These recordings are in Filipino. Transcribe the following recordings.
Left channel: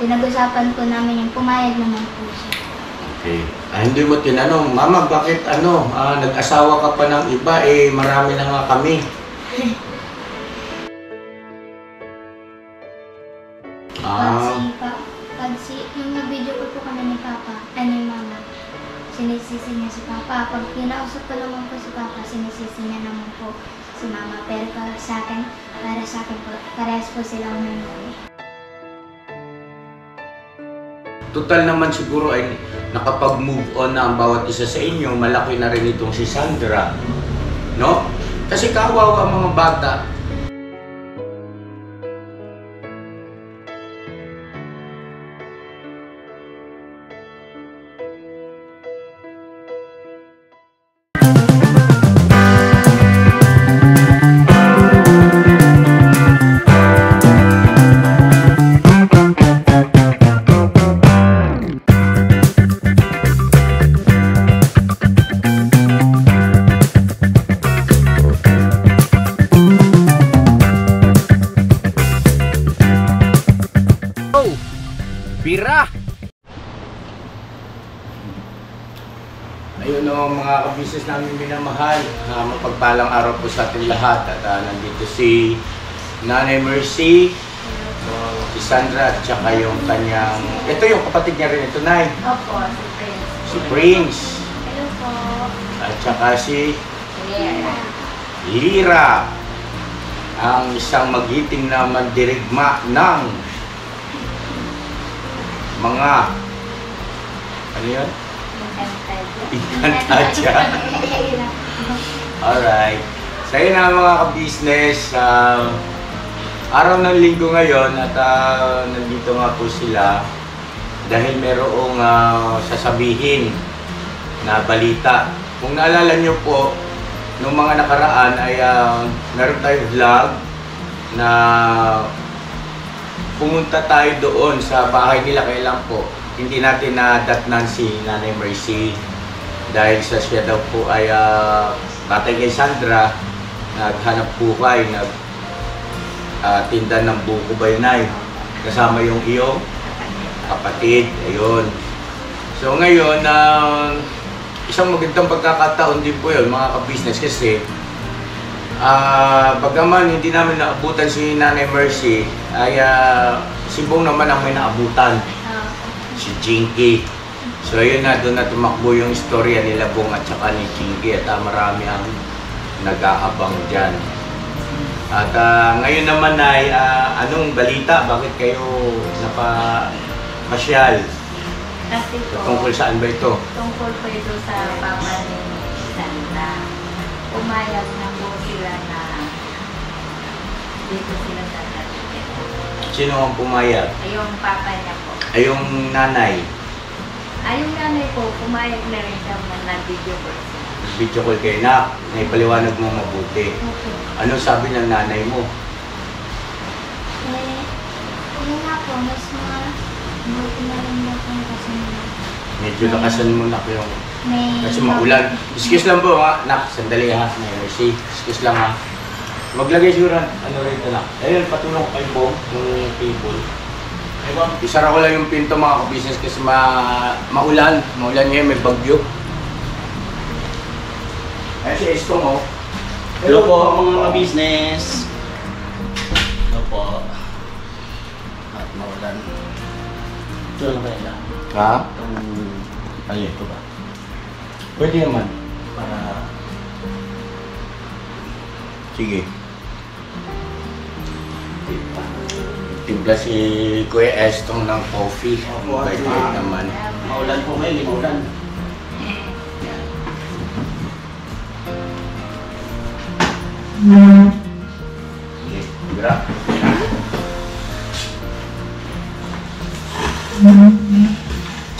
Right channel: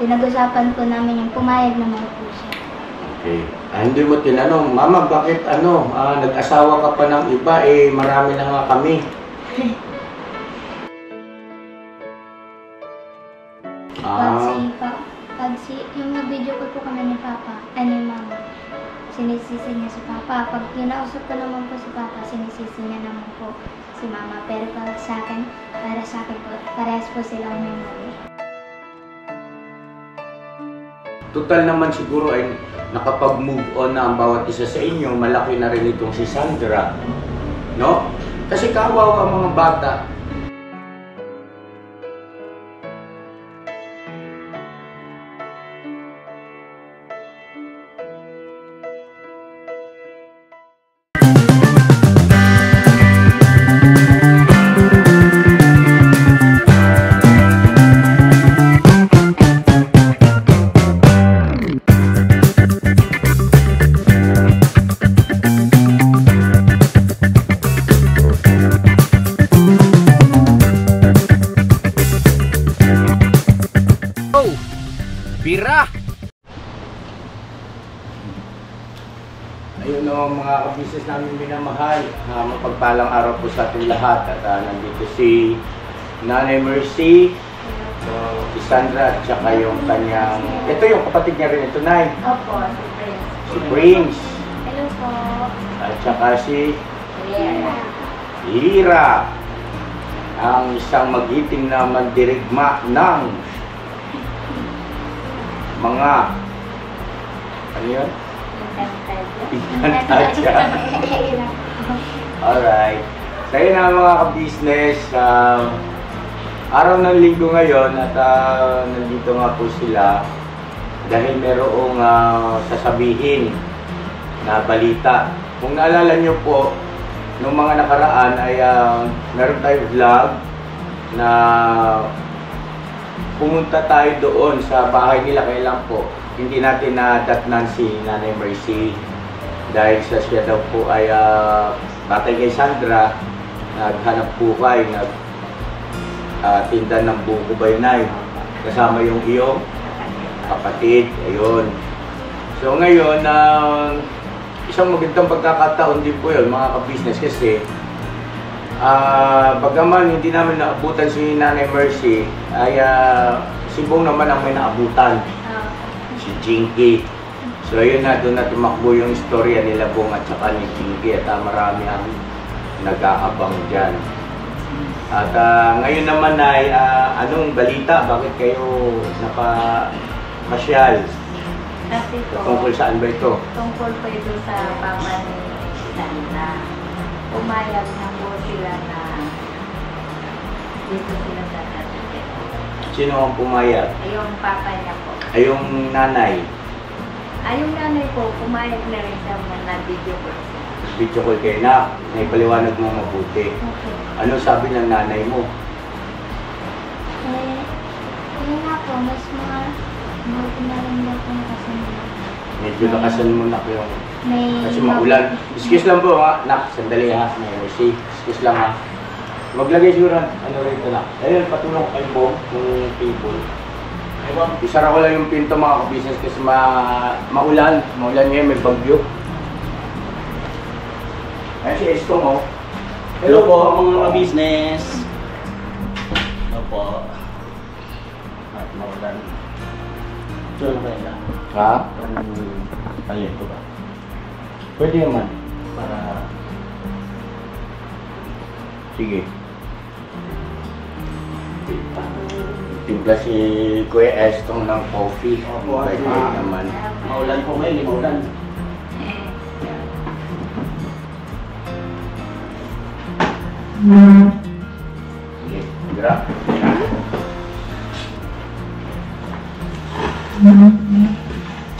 pinag-usapan po namin yung pumayag naman po siya. Okay. Hindi mo tinanong, Mama, bakit nag-asawa ka pa ng iba, marami na nga kami. Yung nag-video ko po kami ni Papa, ni Mama, sinisisi niya si Papa. Pag kinausap ko naman po si Papa, sinisisi niya naman po si Mama. Pero para sa akin po, parehas po silang memory. Total naman siguro ay nakapag-move on na ang bawat isa sa inyo. Malaki na rin itong si Sandra. No? Kasi kawawa ang mga bata. Bira! Ayun o mga kabisnes namin minamahal. Mapagpalang araw po sa ating lahat. At nandito si Nanay Mercy, si Sandra, at saka yung kanyang... Ito yung kapatid niya rin ito, Nay. Opo, si Prince. Si Prince. Hello po. At saka si Lira. Ang isang magiting na mandirigma ng mga ano yun? Inkantadya. Alright. So yun na mga ka-business. Araw ng linggo ngayon at nandito nga po sila dahil merong sasabihin na balita. Kung naalala nyo po, nung mga nakaraan ay meron tayong vlog na pumunta tayo doon sa bahay nila. Kailan po hindi natin nadatnan si Nanay Mercy dahil sa siya daw po ay batay kay Sandra, naghanap buhay, tinda ng buko bayanay kasama yung iyong kapatid. Ayun. So ngayon isang magandang pagkakataon din po yun mga ka-business kasi bagaman hindi namin naabutan si Nanay Mercy ay si Bong naman ang may naabutan, si Jinky. So ayun na, doon na tumakbo yung istorya nila Bong at saka ni Jinky at marami ang nag-aabang dyan. At ngayon naman ay anong balita? Bakit kayo napamasyal? Kasi po, tungkol saan ba ito? tungkol po ito sa Papa ni Sandra. Umayag na po sila na dito sila sa natin. Sino ang pumayag? Ay, yung Papa niya po. Ay, yung nanay. Ay, yung nanay po, pumayag na rin siya na video ko. Video call kayo na, naipaliwanag mo mabuti. Okay. Ano sabi ng nanay mo? Yun nga po, mas mga buti na rin daw po kasi Medyo lakasan mo na yung... may... Kasi maulan. Excuse lang po ha. Nak, sandali ha. May Mercy. Excuse lang ha. Maglagay siguro. Ano rin ito na. Ayun, patulong kay Bong. Yung table. Isara ko lang yung pinto mga ka-business kasi maulan. Maulan ngayon, may bagyo. Ayun si Estong oh. Hello po mga ka-business. Hello po. At maulan. Ito lang kayo lang. Ha? Ano ito ba? Pwede naman. Para... Sige. Timpla si Kuya Estong ng coffee. Opo, Pwede naman. Maulan po ngayon, maulan. Sige, gra.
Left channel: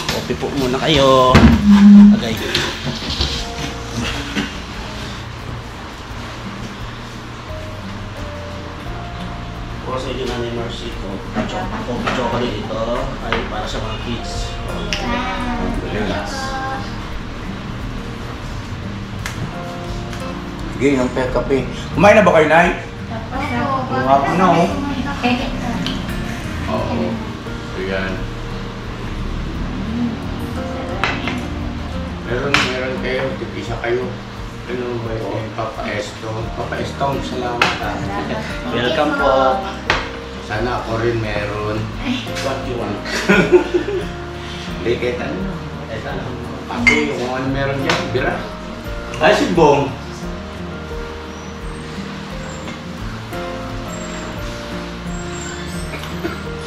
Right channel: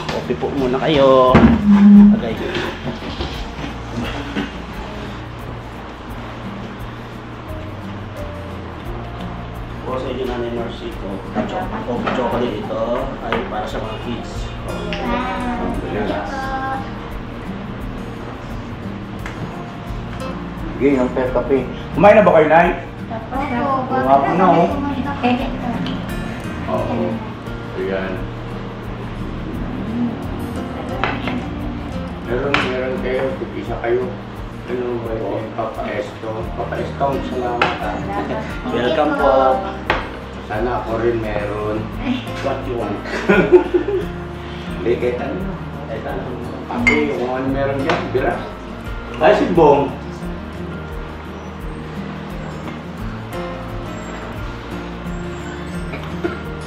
Coffee po muna kayo. Agay. Po sa inyo Nanay Mercy ko. Coffee chocolate ito ay para sa mga kids. Sige, yung pet kape. Kumain na ba kayo, Nay? Tapos Mga po na, oh. Oo. yan. Meron kayo, isa kayo. Ano ba yun? Papa Estong, salamat. Welcome po. Sana ako rin meron. What you want? Hindi, kahit ano. Kahit ano. Ako kung ano meron dyan, bira. Ay, si Bong.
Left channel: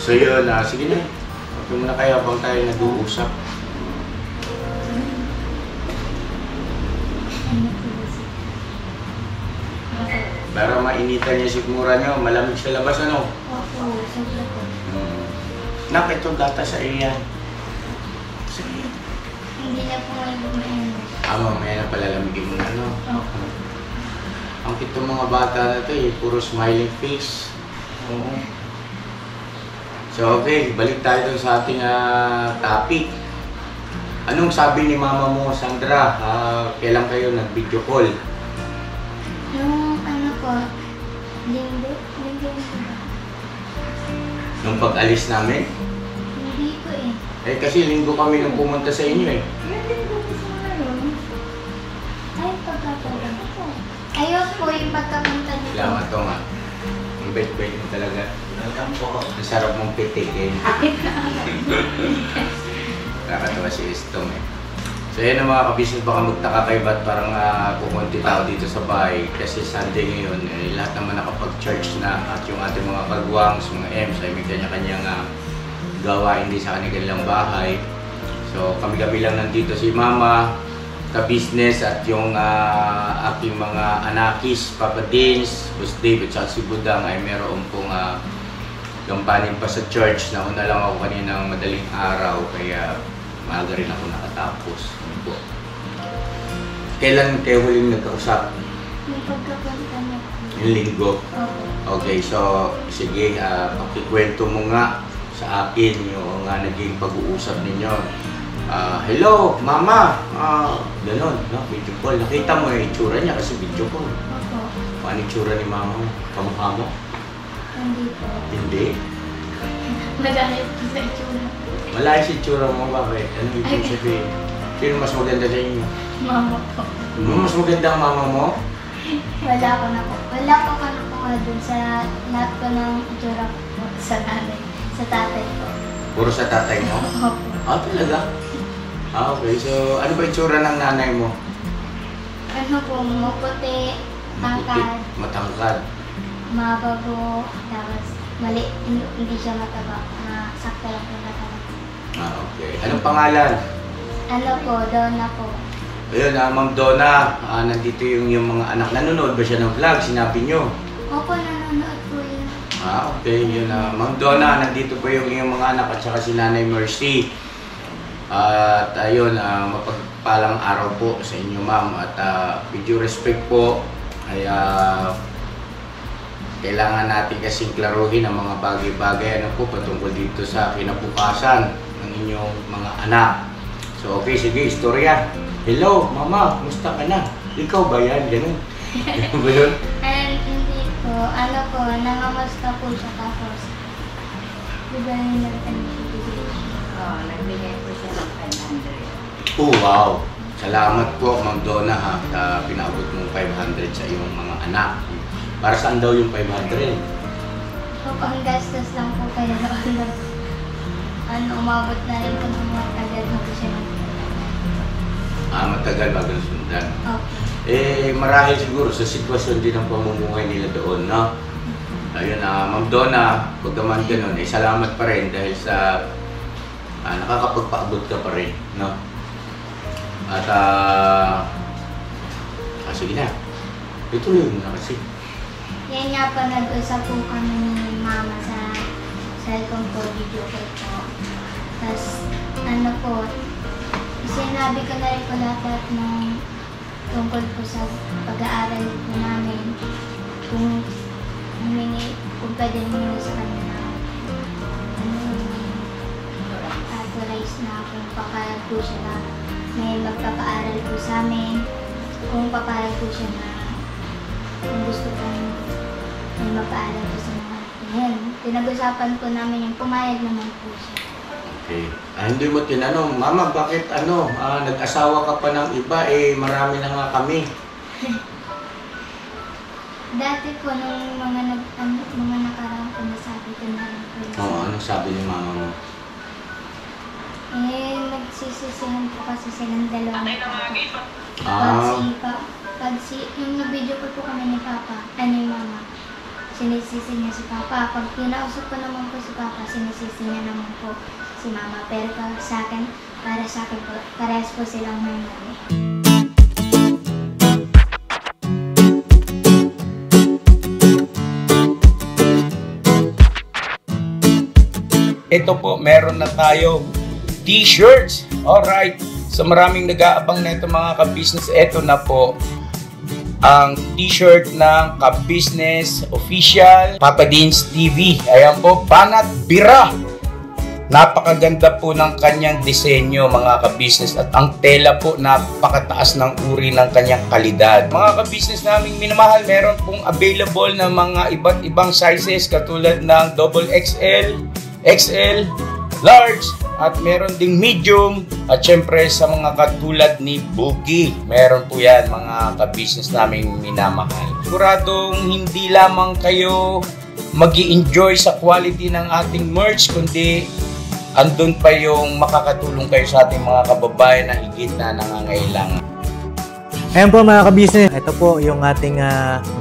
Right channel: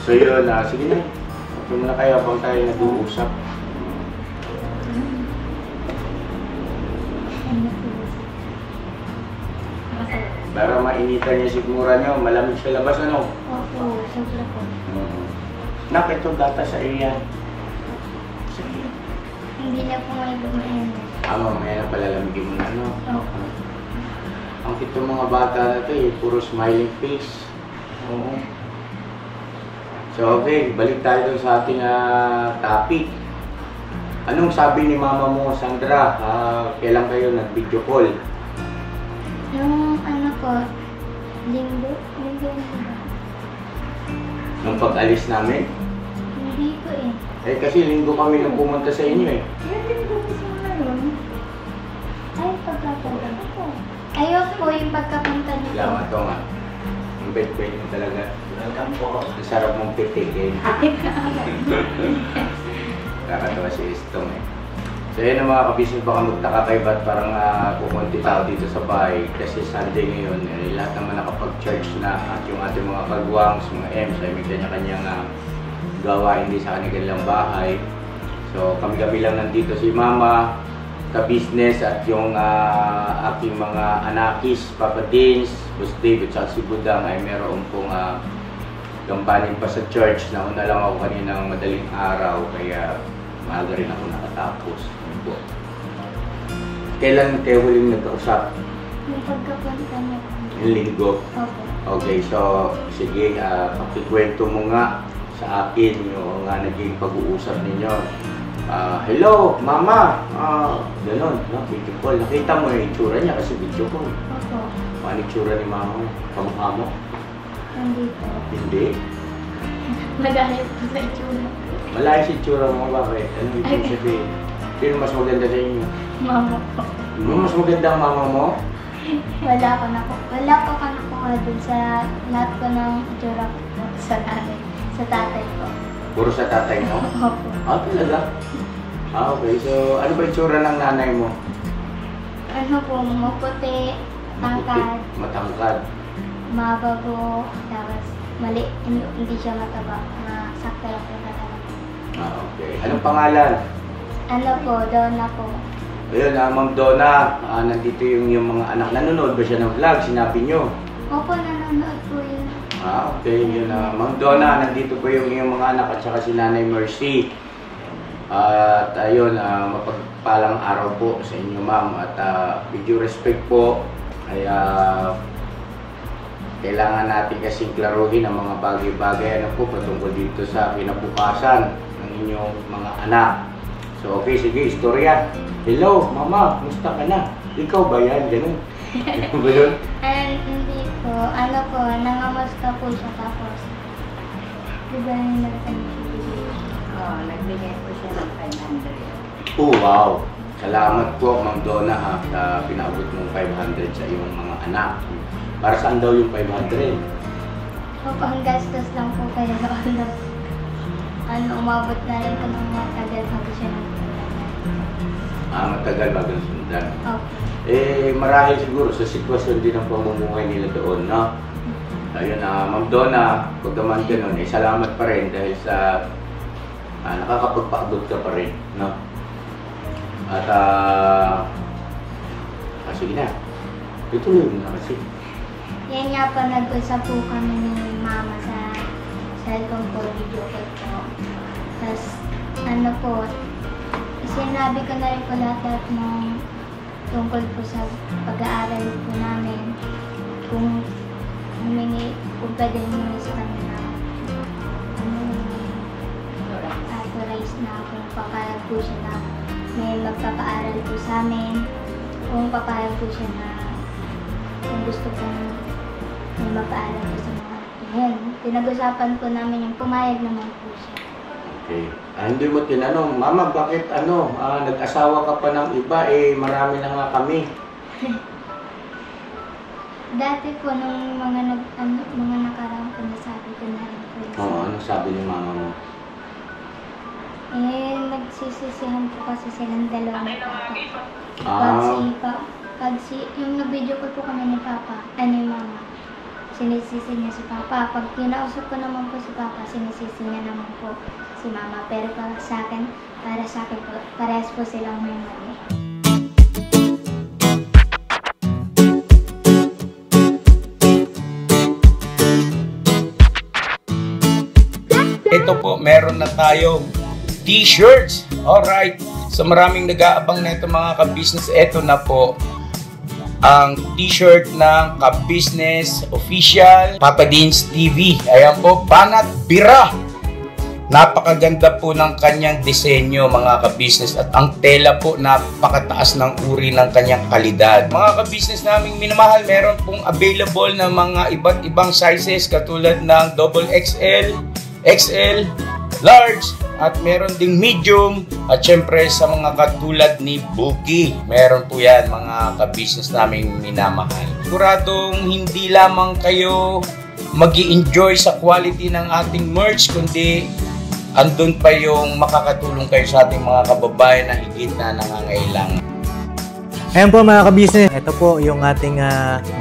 So yun, sige na. Huwag muna kayo habang tayo nag-uusap. Para mainitan niya sigura niyo, malamig sa labas, ano? Opo, sobra po. Nak, ito data sa iya. Sige. Hindi na po may gumayon. Mamaya na palalamigin mo na, ano? Opo. Ang kitong mga bata na ito puro smiling face. Oo. So okay, balik tayo dun sa ating topic. Anong sabi ni mama mo, Sandra? Kailan kayo nag-video call? Nung ano po, linggo ba? Nung pag-alis namin? Hindi po eh. Eh kasi linggo kami nung pumunta sa inyo eh. Yung linggo po sa ngayon. Ay, pagkapunta po. Ayos po yung pagkapunta dito. Salamat to nga. Ang bait-bait mo talaga. Welcome po. Ang sarap mong pitikin. Nakakatawa si Estong eh. So yun ang mga kabisnes, baka magtaka kayo ba't parang kukunti tao dito sa bahay. Kasi Sunday ngayon, lahat naman nakapag-church na at yung ating mga kagwangs, mga M's ay may kanya-kanyang gawain din sa kanilang bahay. So kami-kami lang nandito, si Mama, ka-business at yung aking mga anakis, Papa Dins, Boss David, at si Budang ay meron pong gampanin pa sa church. Nauna lang ako kaninang madaling araw, kaya maaga rin ako nakatapos. Po. Kailan kayo huling nagkausap? Yung pagkapunta niya po. Yung linggo. Opo. Okay, so sige, pakikwento mo nga sa akin yung naging pag-uusap ninyo. Hello, Mama! Ganon, no? Video call. Nakita mo yung itsura niya kasi video call. Opo. Ano itsura ni Mama mo? Kamukha mo? Hindi po. Hindi. Magalit po sa itsura. Malayas itsura mo, bakit? Ano ibig sabihin? Sino mas maganda sa inyo? Mama po. Mas maganda ang mama mo? Wala ko na po. Wala po ka na po dun sa lahat ko ng itsura ko po sa nanay. Sa tatay ko. Puro sa tatay mo? Opo. Talaga? Okay. So, ano ba itsura ng nanay mo? Ano po, maputi, tangkad, Matangkad. mabago, tapos mali, hindi siya mataba. Sakto lang po mataba. Okay. Anong pangalan? Ano po, Donna po. Ayun, Ma'am Donna, nandito yung mga anak. Nanonood ba siya ng vlog? Sinabi nyo? Opo, nanonood po yun. Okay. Yun, Ma'am Donna, nandito po yung mga anak at saka si Nanay Mercy. At ayun, mapagpalang araw po sa inyo, Ma'am. At with due respect po, ay kailangan natin kasing klaruhin ang mga bagay-bagay po patungkol dito sa kinabukasan ng inyong mga anak. So, okay, sige, istorya. Hello, Mama, kumusta ka na? Ikaw ba yan? Ganun. Ganun ba yun? Hindi po, ano po, nangamusta po siya tapos. Diba yung nagtanong? Oo, nagbigay po siya ng 500. Oh, wow. Salamat po, Ma'am Donna, ha, sa pinabot mong 500 sa iyong mga anak. Para saan daw yung 500? Opo, ang gastos lang po kaya umabot na rin po ng mga tagal bago siya Matagal bago sundan. Okay. Marahil siguro sa sitwasyon din ng pamumuhay nila doon, no? Ayun, Ma'am Donna, pag naman ganun, salamat pa rin dahil sa nakakapagpaabot ka pa rin, no? At, sige na. Ituloy mo na kasi. Yan nga po, nag-usap po kami ni Mama sa cellphone po, video call po. Tapos, ano po, sinabi ko na rin po lahat ng tungkol po sa pag-aaral po namin. Kung pwede nyo sa kanila, authorize na kung papayag po siya na may magpapaaral po sa amin. Kung papayag po siya na kung gusto po may mapaalam po sa mga yan. Pinag-usapan po namin yung pumayag naman po siya. Okay. Hindi mo tinanong, Mama, bakit nag-asawa ka pa ng iba, marami na nga kami. Dati po, nung mga nakaraang po, nasabi ko na rin po. Oo, ano sabi ni Mama mo? Nagsisisihan po kasi silang dalawa ni Papa. Yung nabidyo ko po kami ni Papa, ni Mama, sinisisi niya si Papa. Pag kinausap ko naman po si Papa, sinisisi niya naman po si Mama. Pero para sa akin po, parehas po silang may mali. Ito po, meron na tayong t-shirts. Alright. So maraming nag-aabang na ito mga ka-business. Ito na po ang t-shirt ng ka-business official Papa Deans TV. Ayan po, Banat Bira. Napakaganda po ng kanyang disenyo mga ka-business at ang tela po napakataas ng uri ng kanyang kalidad. Mga ka-business naming minamahal, meron pong available na mga iba't ibang sizes katulad ng XXL, XL, large, at meron ding medium, at syempre sa mga katulad ni Buki, meron po yan mga ka-business naming minamahal. Siguradong hindi lamang kayo mag-i-enjoy sa quality ng ating merch, kundi andun pa yung makakatulong kayo sa ating mga kababayan na higit na nangangailangan. Ayan po mga ka-business, ito po yung ating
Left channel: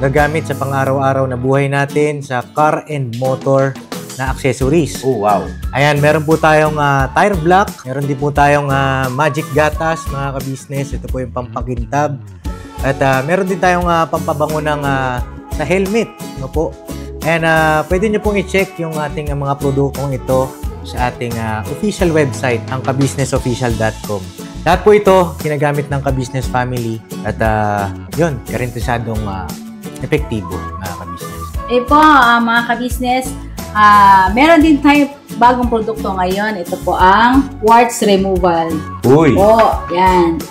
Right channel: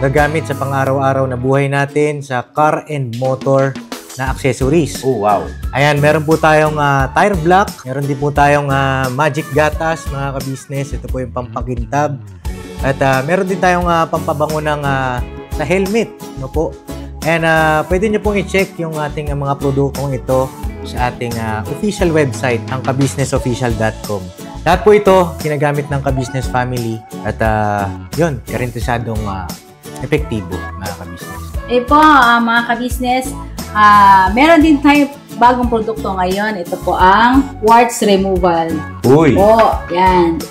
gagamit sa pang-araw-araw na buhay natin sa car and motor na accessories. Oh, wow. Ayan, meron po tayong tire block, meron din po tayong magic gatas mga ka-business. Ito po yung pampakintab. At meron din tayong pampabango ng sa helmet, no po. And pwede nyo pong i-check yung ating mga produktong ito sa ating official website, ang kabusinessofficial.com. Lahat po ito ginagamit ng ka-business family at yun, karintisadong epektibo mga ka-business. Po, mga ka-business, meron din tayo bagong produkto ngayon. Ito po ang warts removal. Uy! Po, yan.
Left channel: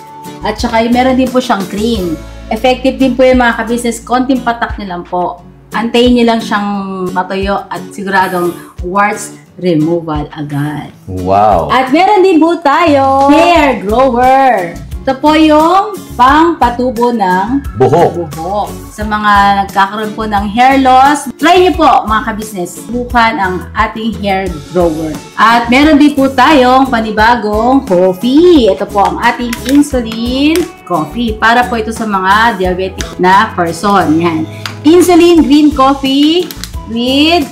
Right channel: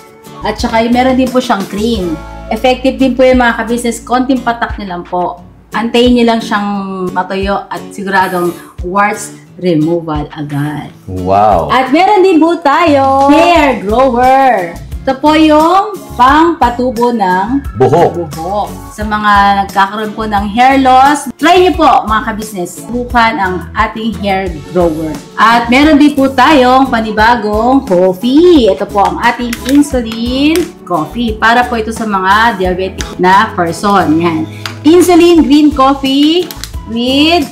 At saka meron din po siyang cream. Effective din po yung mga ka-business. Konting patak nyo lang po. Antayin nyo lang siyang matuyo at siguradong warts removal agad. Wow! At meron din po tayo hair grower. Ito po yung pang-patubo ng Buhok! buhok. Sa mga nagkakaroon po ng hair loss, try nyo po mga ka-business. Subukan ang ating hair grower. At meron din po tayong panibagong coffee. Ito po ang ating insulin coffee. Para po ito sa mga diabetic na person. Yan. Insulin green coffee with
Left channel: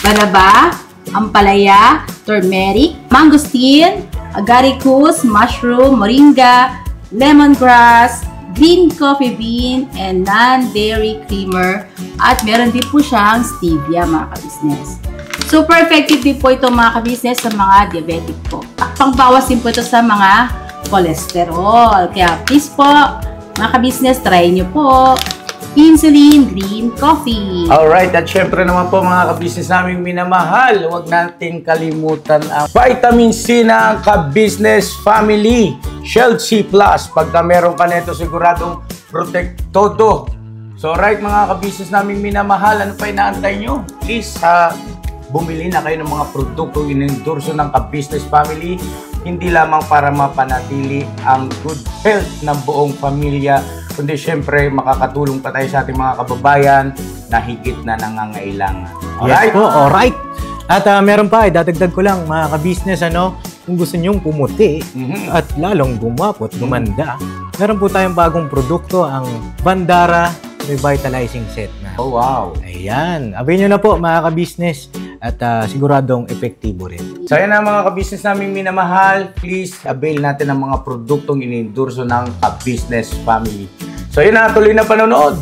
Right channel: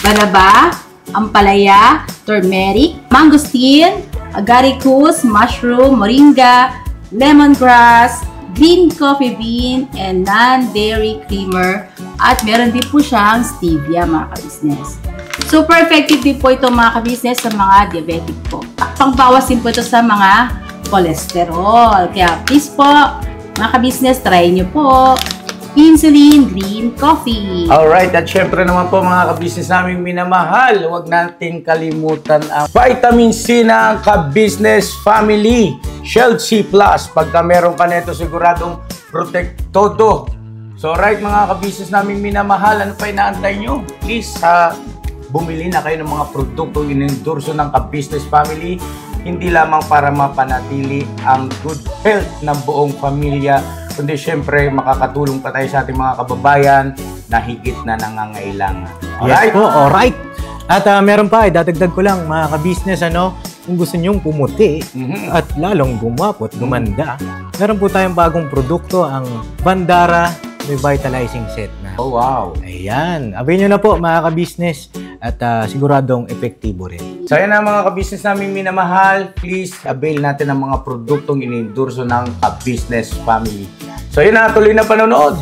banaba, ampalaya, turmeric, mangosteen, agaricus, mushroom, moringa, lemongrass, green coffee bean, and non-dairy creamer. At meron din po siyang stevia mga ka-business. Super effective din po ito mga ka-business sa mga diabetic po. Pangbawas din po ito sa mga cholesterol. Kaya please po, mga ka-business, try nyo po. Insulin Green Coffee. Alright, at syempre naman po mga ka-business naming minamahal, huwag nating kalimutan ang vitamin C ng ka-business family, Shield C+. Pagka meron ka nito, siguradong protect todo. So alright mga ka-business naming minamahal, ano pa inaantay nyo? Please, bumili na kayo ng mga produktong inendorso ng ka-business family, hindi lamang para mapanatili ang good health ng buong pamilya, kundi syempre makakatulong pa tayo sa ating mga kababayan na higit na nangangailangan. Alright? Yes po, alright. At meron pa, dadagdag ko lang mga ka-business, kung gusto nyong pumuti at lalong gumapot, gumanda, meron po tayong bagong produkto, ang Bandara Revitalizing Set na. Oh, wow. Ayan. Abay nyo na po mga ka-business at siguradong epektibo rin. So yan na mga ka-business naming minamahal, please avail natin ang mga produktong inendorso ng ka-business family. So yun na, tuloy na panonood.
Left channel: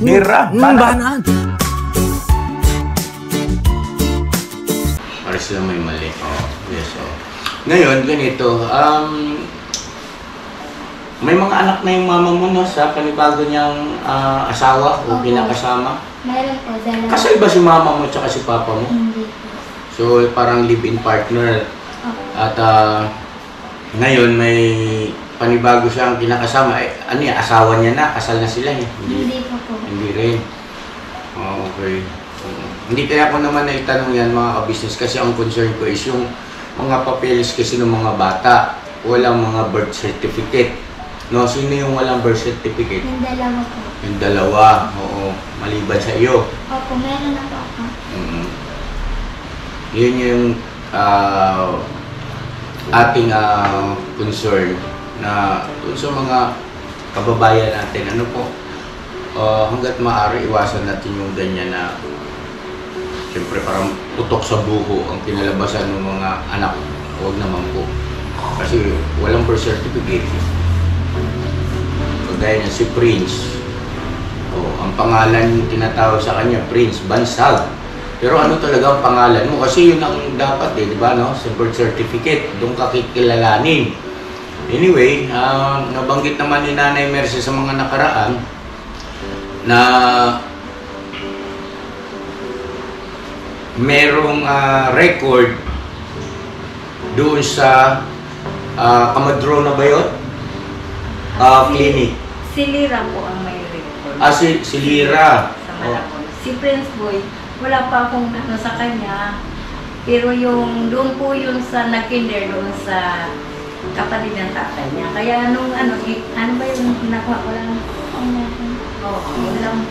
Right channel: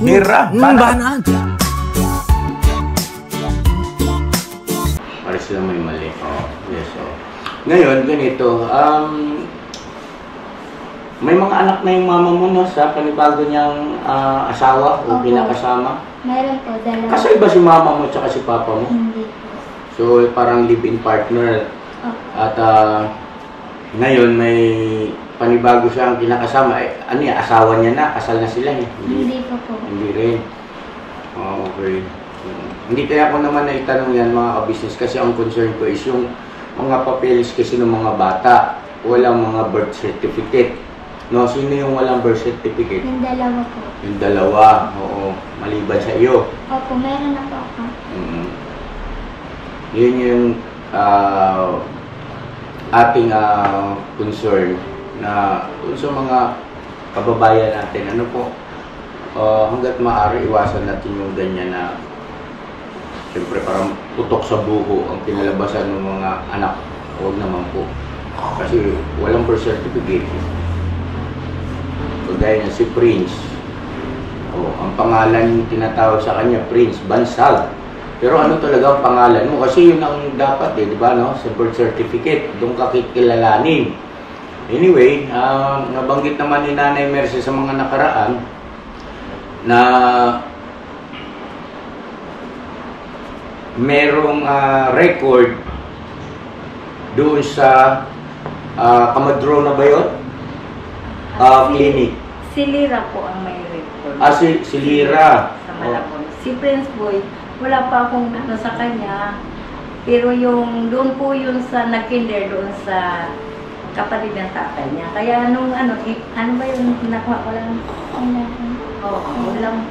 Bira, Banat. Para sila may mali. Oh, yes, oh. Ngayon, ganito, may mga anak na yung mama mo no, sa panibago niyang asawa o Opo. pinakasama. Meron po, dalawa. Kasal ba si mama mo at si papa mo? Hindi po. So parang live-in partner. Opo. At ngayon may panibago siyang kinakasama. Ano yan, asawa niya na, kasal na sila eh. Hindi po po. Hindi rin. Oh, okay. Hindi kaya ako naman naitanong yan mga ka-business kasi ang concern ko is yung mga papeles kasi ng mga bata. Walang mga birth certificate. No, sino yung walang birth certificate? Yung dalawa po. Yung dalawa, oo. Maliban sa iyo. Opo, meron na po ako. Yun yung ating concern na sa mga kababayan natin. Ano po, hanggat maaari iwasan natin yung ganyan na siyempre parang putok sa buho ang kinalabasan ng mga anak. Huwag naman po. Kasi walang birth certificate. Kagaya niya si Prince. Ang pangalan yung tinatawag sa kanya, Prince Bansag. Pero ano talaga ang pangalan mo? Kasi yun ang dapat di ba, no? Sa birth certificate, doon ka kikilalanin. Anyway, nabanggit naman ni Nanay Mercy sa mga nakaraan na merong record doon sa Kamadrona ba yun? Clinic. Si Lira po ang may record. Si Lira. Sa Malabon. Si Prince Boy, wala pa akong ano sa kanya. Pero yung doon po yun sa nag-kinder doon sa kapatid ng tatay niya. Kaya nung ano ba yung nakuha ko lang? Wala mo.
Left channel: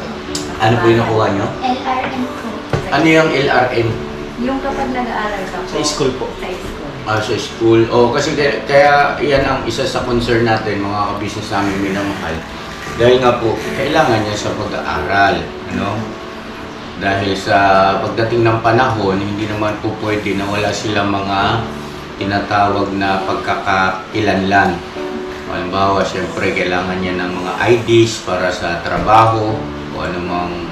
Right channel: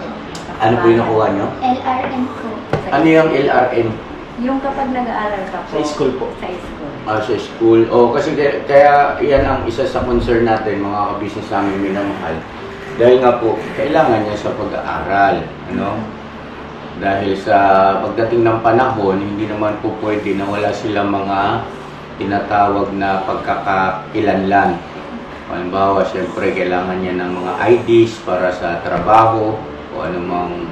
Ano po yung nakuha nyo? LRN po. Ano yung LRN? Yung kapag nag-aaral ka po. Sa school po. Sa school. Sa school. Kasi kaya yan ang isa sa concern natin, mga ka-business namin minamahal. Dahil nga po, kailangan niya sa pag-aaral. Ano? Dahil sa pagdating ng panahon, hindi naman po pwede na wala silang mga tinatawag na pagkakakilanlan. Halimbawa, siyempre, kailangan niya ng mga IDs para sa trabaho o anumang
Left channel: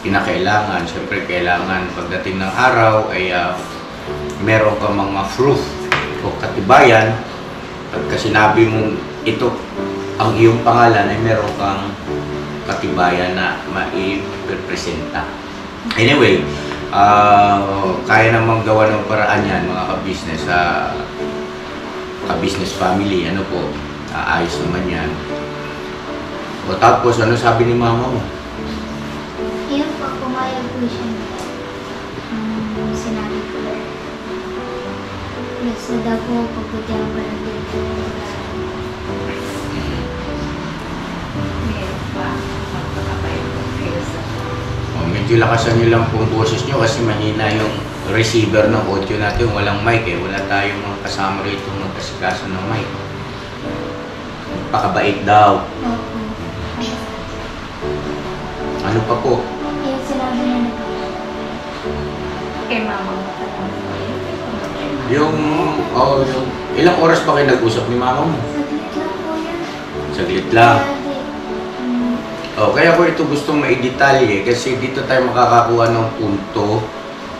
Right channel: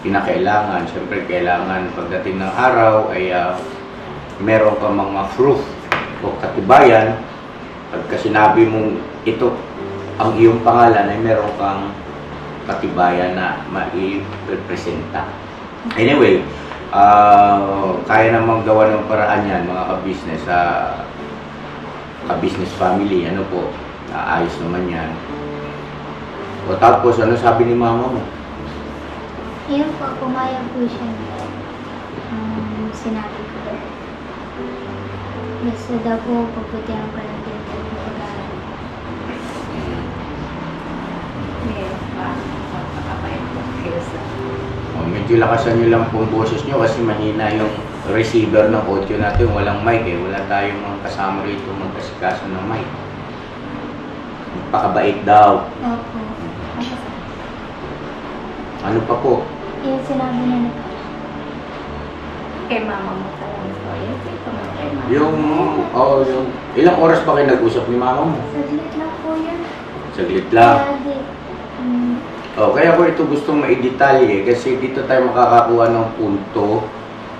kinakailangan. Siyempre, kailangan pagdating ng araw ay meron ka mga proof o katibayan. Pagka sinabi mong ito ang iyong pangalan ay meron kang katibayan na mai-representa. Anyway, kaya namang gawa ng paraan yan, mga ka-business, ka-business family, ano po, ayos naman yan. O tapos, ano sabi ni mama mo? Yun po, pumayag po siya. Sinabi ko. Gusto daw po pagputihan ko ng Meron pa. Magpapapayag po kayo sa Medyo lakasan nyo lang pong boses nyo kasi mahina yung receiver ng audio natin. Walang mic eh. Wala tayong mga kasama rito magkasikaso ng mic. Pakabait daw. Opo. Ano pa po? Yung sinabi niya na po. kay mama mo pa lang po. Yung ilang oras pa kayo nag-usap ni mama mo? Saglit lang po yan. Saglit lang. Kaya di, Kaya ko ito gustong maidetalye kasi dito tayo makakakuha ng punto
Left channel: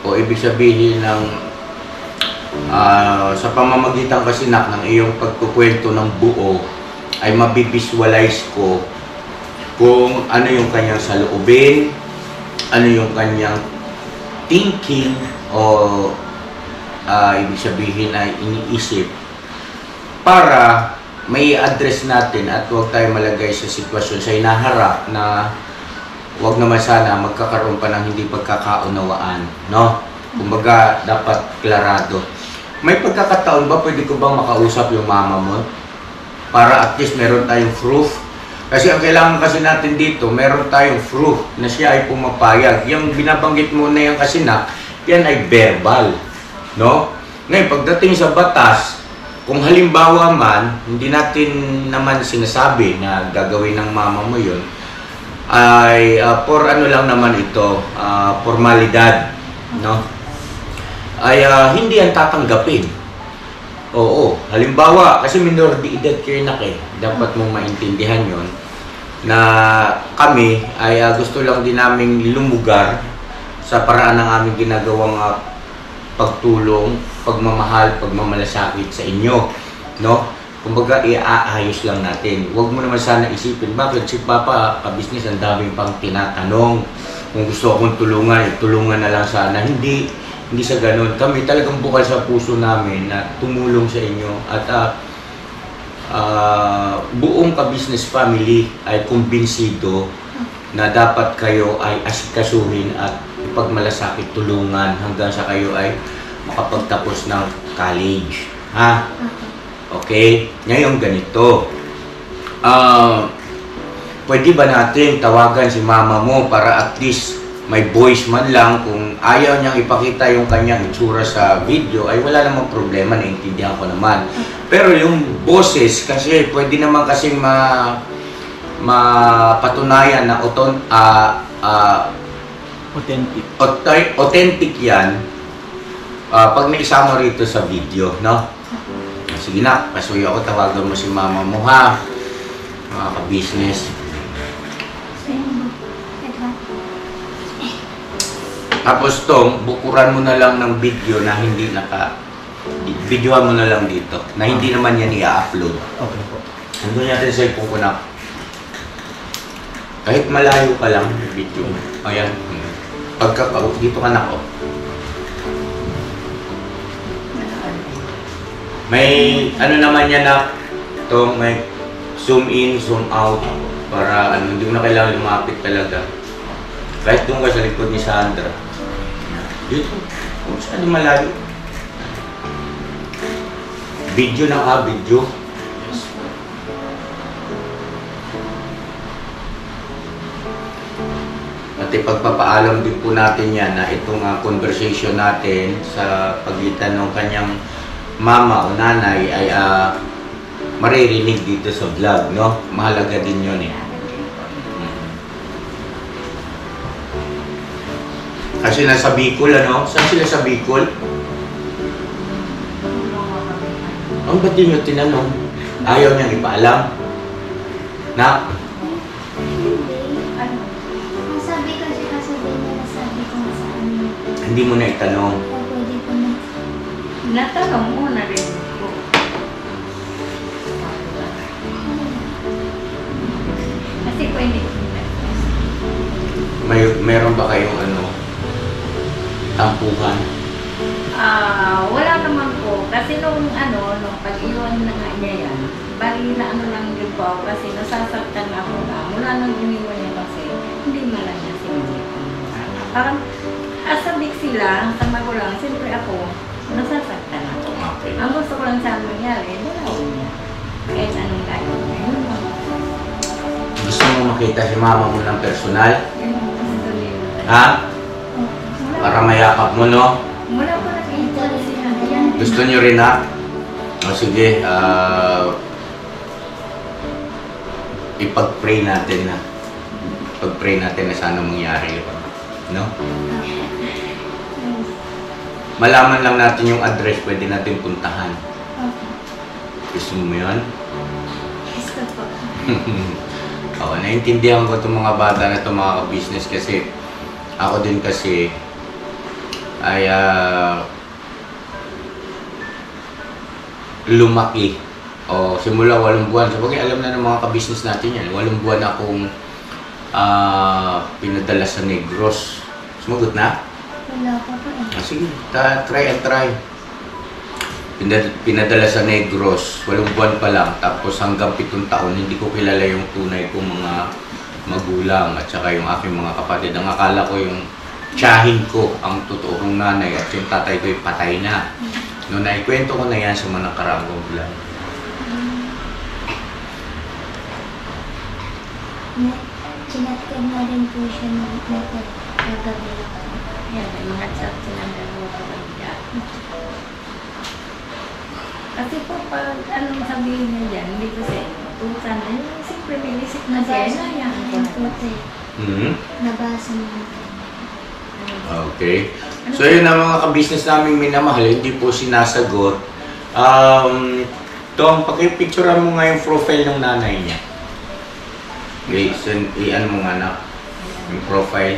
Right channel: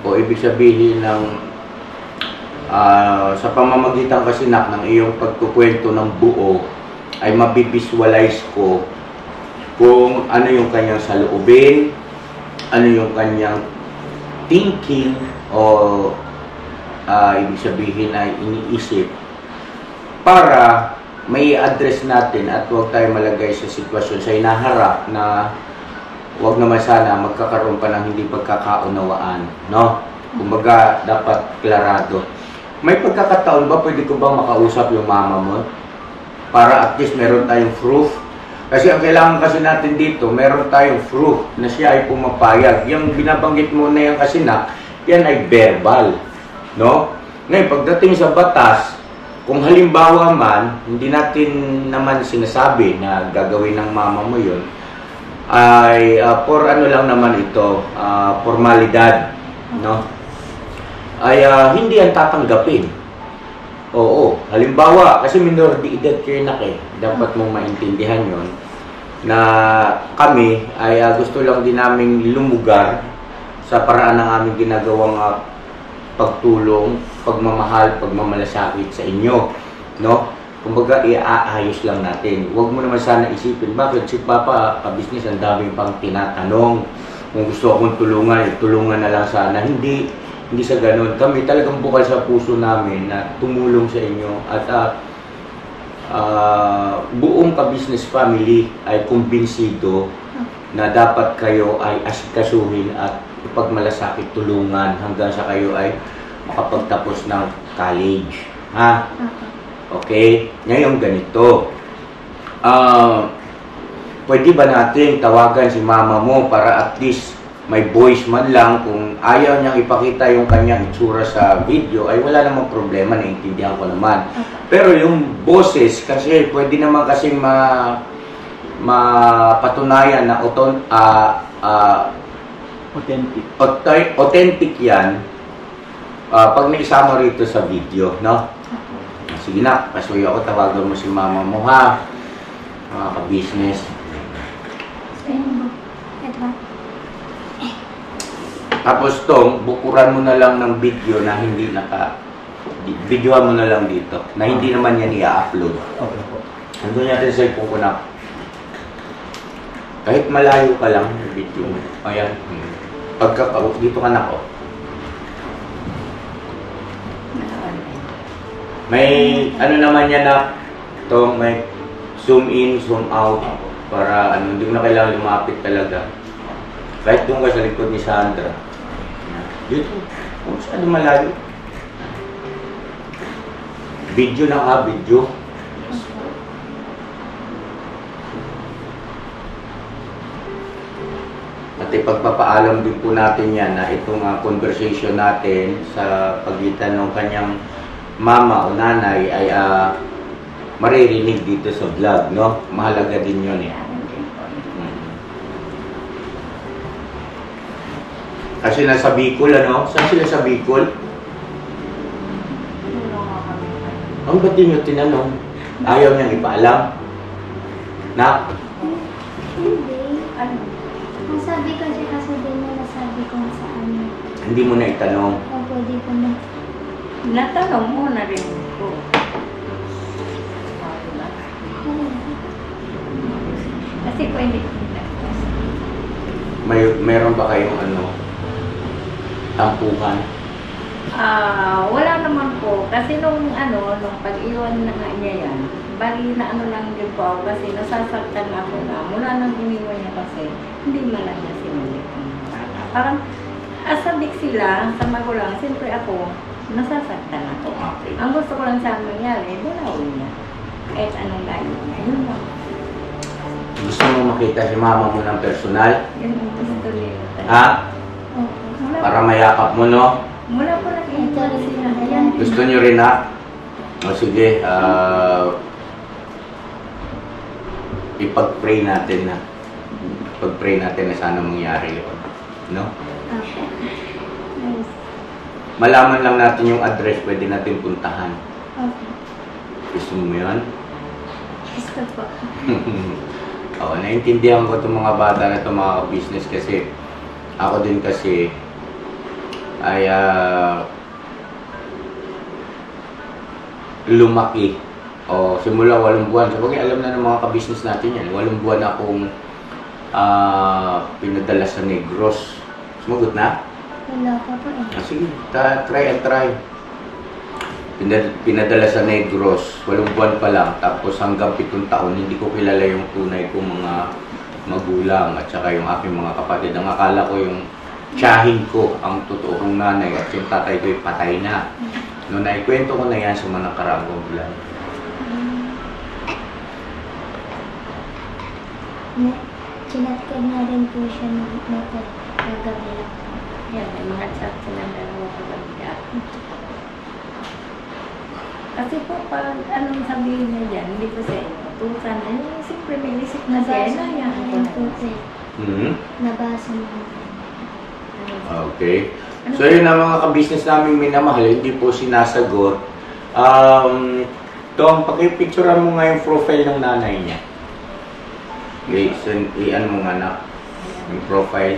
o ibig sabihin ng sa pamamagitan kasi ng iyong pagkukwento ng buo ay mabivisualize ko kung ano yung kanyang saloobin, ano yung kanyang thinking o ibig sabihin ay iniisip para may address natin at huwag tayo malagay sa sitwasyon sa hinaharap na huwag naman sana magkakaroon pa ng hindi pagkakaunawaan, no? Kumbaga, dapat klarado. May pagkakataon ba pwede ko bang makausap yung mama mo? Para at least meron tayong proof. Kasi ang kailangan kasi natin dito, meron tayong proof na siya ay pumapayag. Yung binabanggit mo na yan kasi yan ay verbal, no? Ngayon, pagdating sa batas, kung halimbawa man, hindi natin naman sinasabi na gagawin ng mama mo yun, ay for ano lang naman ito, formalidad, no? Ay hindi yan tatanggapin. Oo, halimbawa, kasi minor de edad kayo na dapat mong maintindihan yon na kami ay gusto lang din naming lumugar sa paraan ng aming ginagawang pagtulong, pagmamahal, pagmamalasakit sa inyo, no? Kumbaga, iaayos lang natin. Huwag mo naman sana isipin, bakit si Papa, ka-business, ang daming pang tinatanong. Kung gusto akong tulungan, tulungan na lang sana. Hindi sa ganun. Kami talagang bukal sa puso namin na tumulong sa inyo at buong ka-business family ay kumbinsido na dapat kayo ay asikasuhin at ipagmalasakit, tulungan hanggang sa kayo ay makapagtapos ng college. Ha? Okay? Ngayon ganito. Pwede ba natin tawagan si mama mo para at least may voice man lang, kung ayaw niyang ipakita yung kanyang itsura sa video ay wala namang problema, naiintindihan ko naman. Pero yung boses kasi pwede naman kasing mapatunayan na authentic yan pag naisama rito sa video, no? Sige na, pasuyo ako, tawagan mo si mama mo, ha? Mga ka-business. Tapos tong, bukuran mo na lang ng video na hindi videoan mo na lang dito, na hindi naman yan i-upload. Okay po. Nandun natin sa cellphone ko na. Kahit malayo ka lang, video mo. Ayan. Dito ka na ko. May ano naman yan na tong may zoom in, zoom out para hindi mo na kailangan lumapit talaga. Kahit doon ka sa likod ni Sandra. Dito, kung saan malayo. Video na video. At ipagpapaalam din po natin yan na itong conversation natin sa pagitan ng kanyang mama o nanay ay maririnig dito sa vlog, no? Mahalaga din yun eh. Kasi nasa Bicol, ano? Saan sila sa Bicol? Ang ba't di nyo tinanong? Ayaw niyang ipaalam? Na? Hindi. Ang sabi ko siya, kasabi niya, nasabi ko sa amin. Hindi mo na itanong. O pwede ko na. Natanong mo na rin po. Kasi po hindi ko Meron ba kayong tampuhan? Wala naman po. Kasi nung pag-iwan na nga niya yan, bali na lang din po ako kasi nasasaktan ako na. Mula nang iniwan niya kasi, hindi man lang niya sinunod. Parang, asabik sila sa magulang, siyempre ako, nasasaktan ako. Okay. Ang gusto ko lang sana mangyari, dalawin niya. Kahit anong layo niya. Yun lang. Gusto mo makita si mama mo ng personal? Yun ang gusto nila. Ha? Mula Para mayakap mo, no? Mula po nakita sila. Ayan. Gusto nyo rin, ha? O sige, ipag-pray natin na. Ipag-pray natin na sana mangyari yun. No? Malaman lang natin yung address, pwede natin puntahan. Okay. Gusto mo yun? Gusto po. Oo, naiintindihan ko itong mga bata na itong mga business kasi ako din kasi ay lumaki o simula 8 buwan. Sabagay alam na ng mga ka-business natin yan. 8 buwan akong pinadala sa Negros. Sumagot na? Wala pa po eh. Sige, try and try. Pinadala sa Negros, 8 buwan pa lang. Tapos hanggang 7 taon, hindi ko kilala yung tunay kong mga magulang at saka yung aking mga kapatid. Ang akala ko yung tiyahin ko, ang totoo kong nanay at yung tatay ko ay patay na. Noon naikwento ko na yan sa mga nakaraang vlog. Chinat ko na rin po siya ng nagagabi lang. Yan, may mga chat silang dalawa kapag kasi po, pag anong sabihin niya dyan, hindi ko siya inutusan. Siyempre may isip na siya. Yan, Nabasa mo na. Okay. So yun ang mga ka-business namin minamahal, hindi po sinasagot. Tom, pakipicturean mo nga yung profile ng nanay niya. Okay, i-ano mo nga na yung profile.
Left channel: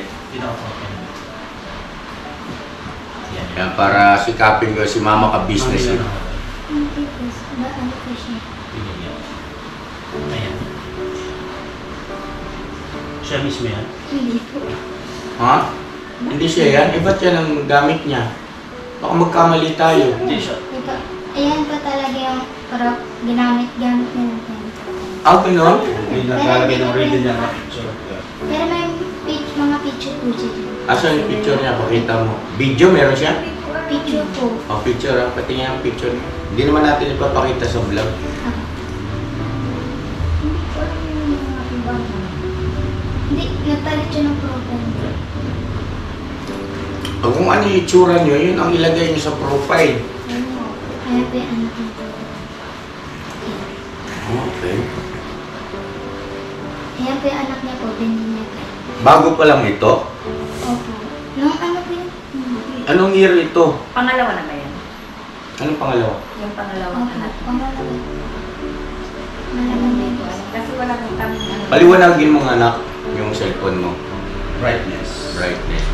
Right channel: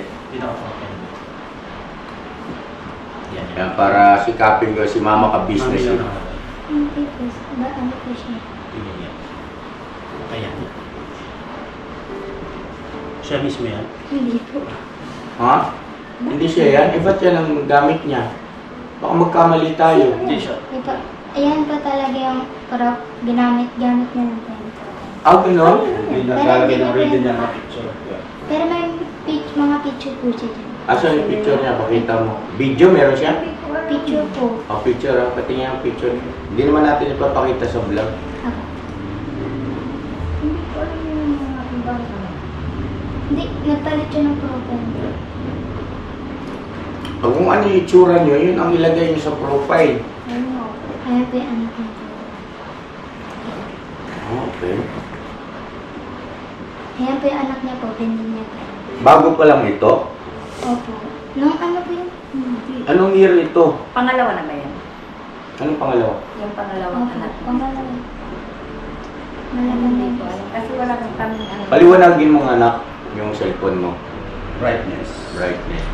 Yan, para sikapin ko si mama ka-business. Hindi po. Ano po siya? Ayan. Siya mismo yan? Hindi po. Ha? Hindi siya yan? Eh, ba't yan ang gamit niya? Baka magkamali tayo. Hindi siya. Ito, ayan po talaga yung parang ginamit-gamit niya ng pen. Gano'n? Hindi nakalagay ng reading niya na picture. Pero may mga picture po siya dyan. Asan yung picture niya? Pakita mo. Video meron siya? Picture po. O, picture ha. Pati nga ang picture niya. Hindi naman natin ipapakita sa vlog. Ako. Hindi ko alam yung mga ibang Hindi, nagpalit siya ng profile. O, kung ano yung itsura nyo, yun ang ilagay nyo sa profile. ano. Kaya po yung anak niya po. Okay. Ayan po yung anak niya po, binili niya po. Bago pa lang ito. Opo. Nung ano po yun? Anong year ito? Pangalawa na ba yan? Anong pangalawa? Yung pangalawang Opo, anak. pangalawa. Malaman na Hindi ko po. alam. Kasi wala kang kami ano. Paliwanagin mo nga anak yung cellphone mo. Brightness. Brightness.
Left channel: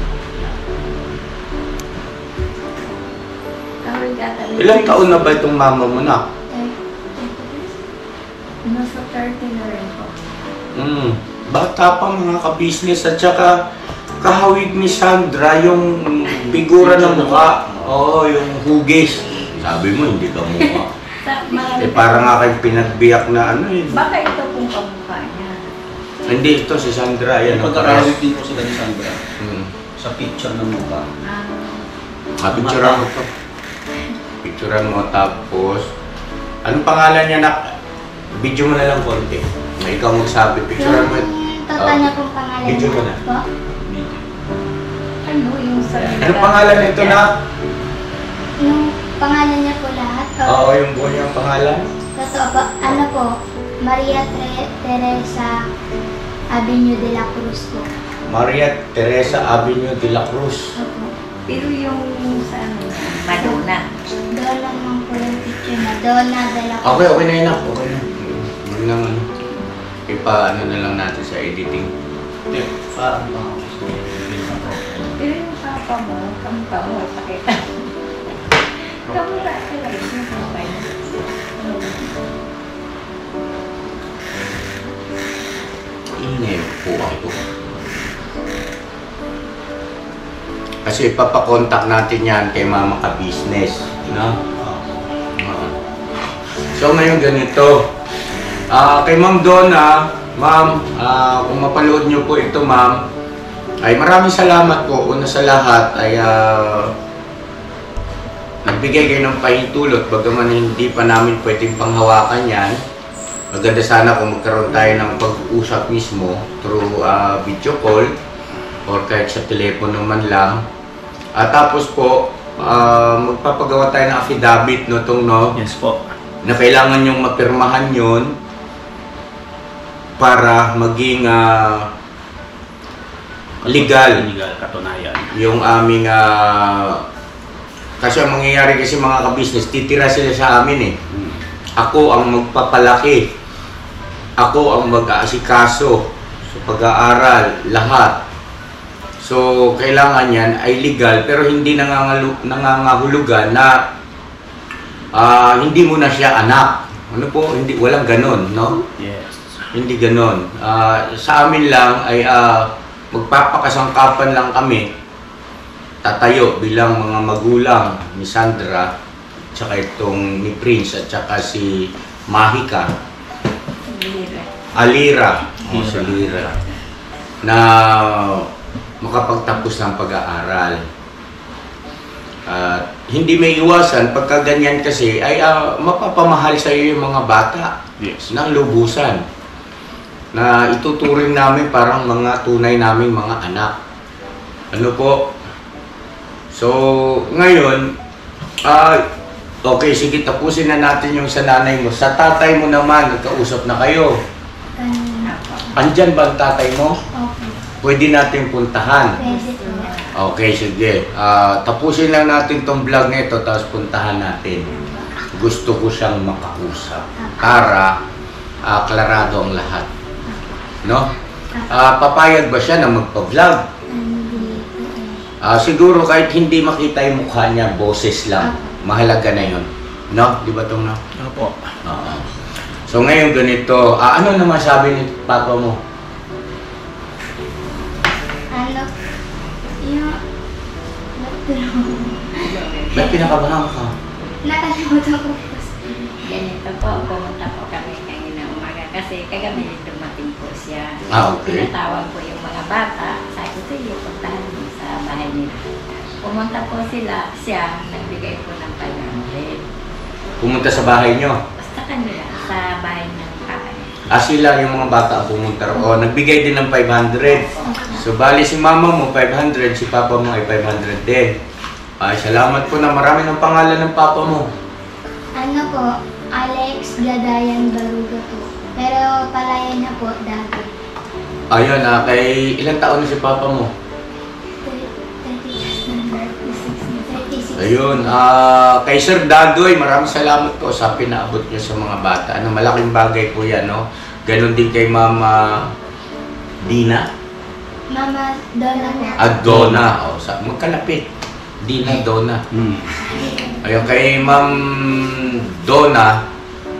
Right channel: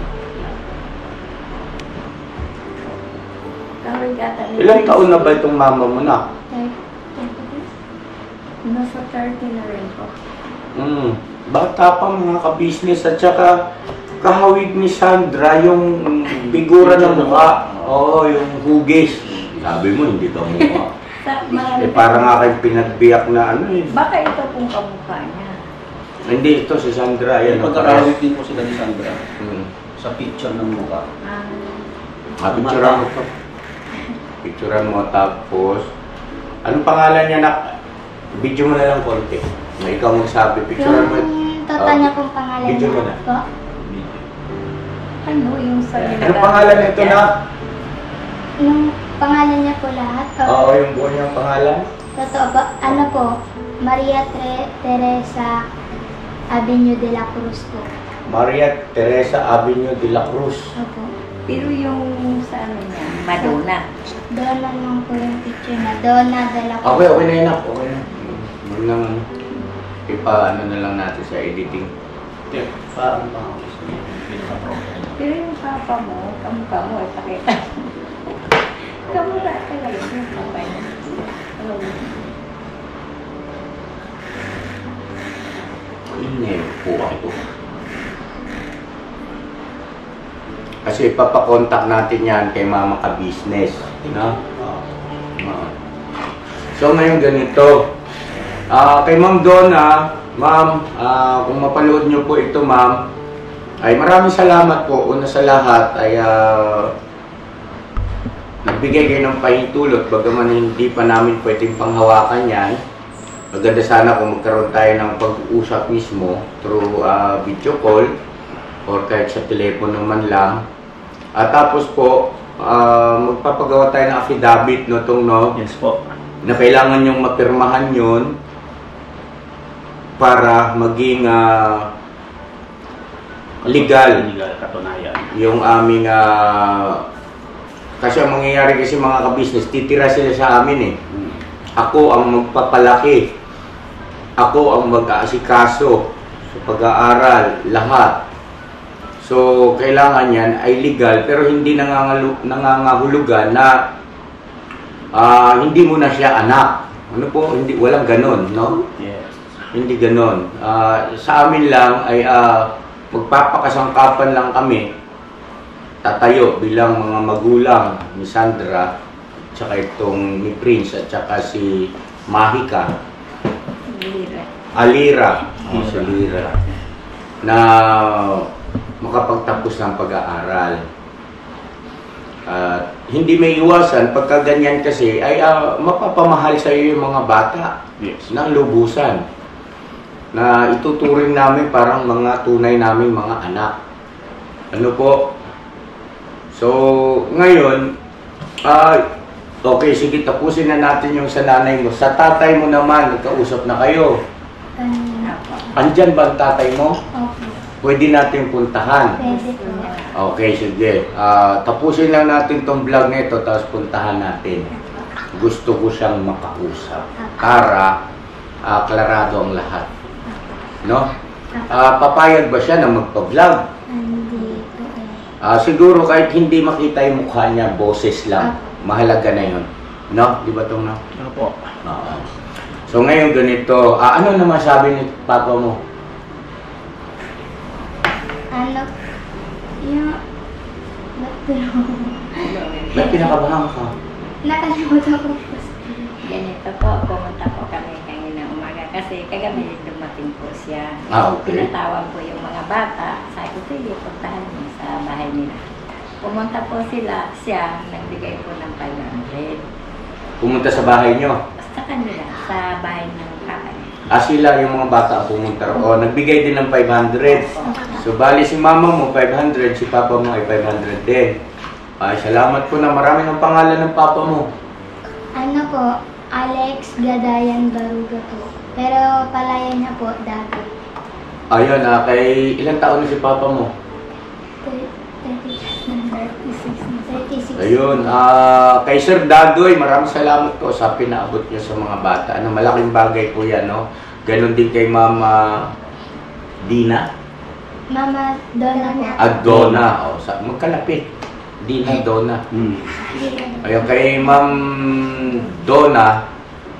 Kawin gata. Ilang taon na ba itong mama mo na? Nasa 30 na rin po. Bata pa mga ka-business at saka kahawig ni Sandra yung figura ng mukha. Oo, yung hugis. Sabi mo, hindi ka mukha. Sa mga Parang nga kayong pinagbiyak na ano eh. Baka ito pong kamukha niya. Hindi, ito si Sandra. Yan, ang Pagkakawit din po sila ni Sandra Hmm. sa picture ng mukha. Picturean mo to. Picturean mo tapos anong pangalan niya na? Video mo na lang konti. Na ikaw magsabi. Picturean mo. Yung tata niya pong pangalan Video mo niya na. po. Ano yung sa Anong pangalan nito na? Yung pangalan niya po lahat. Oo, yung buo niyang pangalan. Totoo po. Ano po? Maria Teresa Avenue de la Cruz po. Maria Teresa Avenue de la Cruz. Opo. Pero yung sa ano niya, Madonna. Donna naman po yung picture na. Donna de la Cruz. Okay, okay na yun. Okay na. Huwag nang ano. Ipa-ano na lang natin sa editing. Hindi, parang pa ako gusto niya. Pero yung papa mo, kamukha mo, ay pakita. Kamukha talaga yung papa niya. Ano ba? Email po ako. Kasi ipapakontak natin yan kay Mama Ka-Business. No? Oo. So ngayon ganito. Kay Ma'am Donna, Ma'am, kung mapanood nyo po ito Ma'am, ay maraming salamat po. Una sa lahat ay nagbigay kayo ng pahintulot bagaman hindi pa namin pwedeng panghawakan yan. Maganda sana kung magkaroon tayo ng pag-uusap mismo through video call or kahit sa telepono man lang. At tapos po, magpapagawa tayo ng affidavit no, Yes po. na kailangan yung mapirmahan yun para maging legal Legal, katunayan. yung aming kasi ang mangyayari kasi mga ka-business, titira sila sa amin eh. Ako ang magpapalaki. Ako ang mag-aasikaso sa pag-aaral, lahat. So, kailangan yan ay legal pero hindi nangangahulugan na hindi mo na siya anak. Ano po? Hindi, walang ganon, no? Yes. Hindi ganon. Sa amin lang ay magpapakasangkapan lang kami. Tatayo bilang mga magulang ni Sandra, tsaka itong ni Prince at tsaka si Mahika. Alira. Oh, si Lira. Na makapagtapos ng pag-aaral. Hindi may iwasan, pagka ganyan kasi, ay mapapamahal sa iyo yung mga bata. Yes. Ng lubusan. Na ituturing namin parang mga tunay naming mga anak. Ano po? So, ngayon, okay, sige, tapusin na natin yung sa nanay mo. Sa tatay mo naman, nagkausap na kayo. Kanina. Andyan ba ang tatay mo? Opo. Pwede natin puntahan. Pwede po. Okay, sige. Tapusin lang natin tong vlog na ito, tapos puntahan natin. Gusto ko siyang makausap para klarado ang lahat. No? Papayag ba siya na magpa-vlog? Hindi po eh. Siguro kahit hindi makita yung mukha niya, boses lang. Mahalaga na yun. No? Di ba itong no? Ano po? Oo. So ngayon ganito, ano naman sabi ni Papa mo? Ano? Yung... Ba't kinakabahan ka? Nakalimutan ko po. Ganito po, pumunta po kami kanina umaga kasi kagabi dumating dumating po siya. Okay. Tinatawag po yung mga bata. Sabi ko, sige, puntahan mo sa bahay nila. Pumunta po siya, nagbigay po ng 500. Pumunta sa bahay nyo? Basta kanila, sa bahay ng kakay. Sila yung mga bata ang pumunta o nagbigay din ng 500. So bali si mama mo 500, si papa mo ay 500 din. Ay, salamat po na marami ng pangalan ng papa mo. Ano po, Alex Gadayan Baruga po. Pero palaya niya po dati. Ayun, kay ilang taon na si papa mo? 36. Ayun, kay Sir Dadoy, maraming salamat po sa pinaabot niyo sa mga bata. Ano, malaking bagay po yan, no? Ganon din kay Mama Dina. Mama Donna po. Donna. Magkalapit. Dina, Donna. Ayun, kay Ma'am Donna,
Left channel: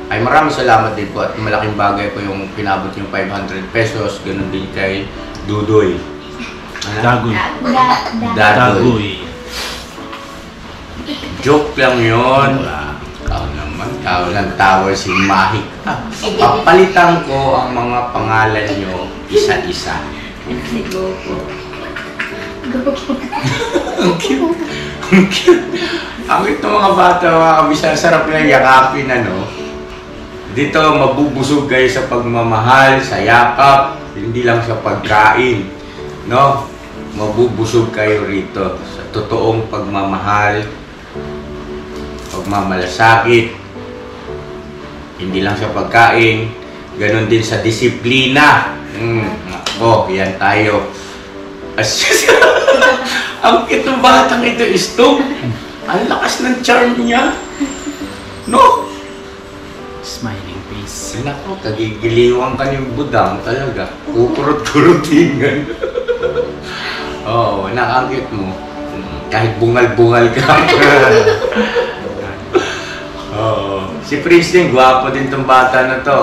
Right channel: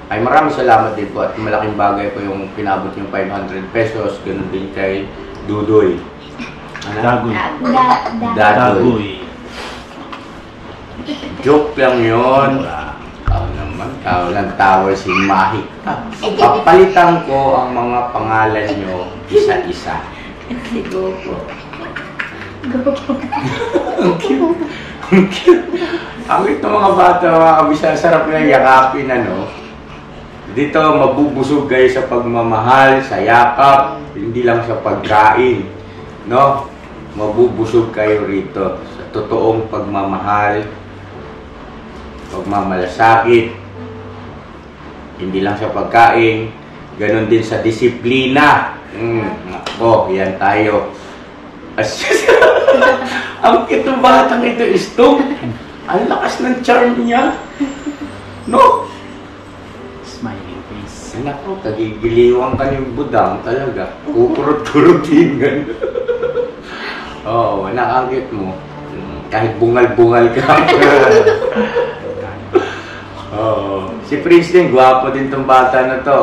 ay maraming salamat din po at malaking bagay po yung pinabot yung 500 pesos. Ganon din kay Dudoy. Dagoy. Dadoy. Joke lang yun. Tao lang tawa si Mahik. Papalitan ko ang mga pangalan nyo isa-isa. Si Gopo. Ang cute. Ang cute. Ang cute ng mga bata, mga kabisa. Sarap lang yakapin, ano. Dito, mabubusog kayo sa pagmamahal, sa yakap. Hindi lang sa pagkain. No? Mabubusog kayo rito sa totoong pagmamahal, pagmamalasakit. Hindi lang sa pagkain, ganon din sa disiplina. Ako, yan tayo. Ang itong batang ito, Istong. Ang lakas ng charm niya. No? Smiling face. Nako, kagigiliwang ka ng budang talaga. Kukurot-kurutingan. Oo, nakangkit mo. Kahit bungal-bungal ka. Si Prince din, gwapo din tong bata na to.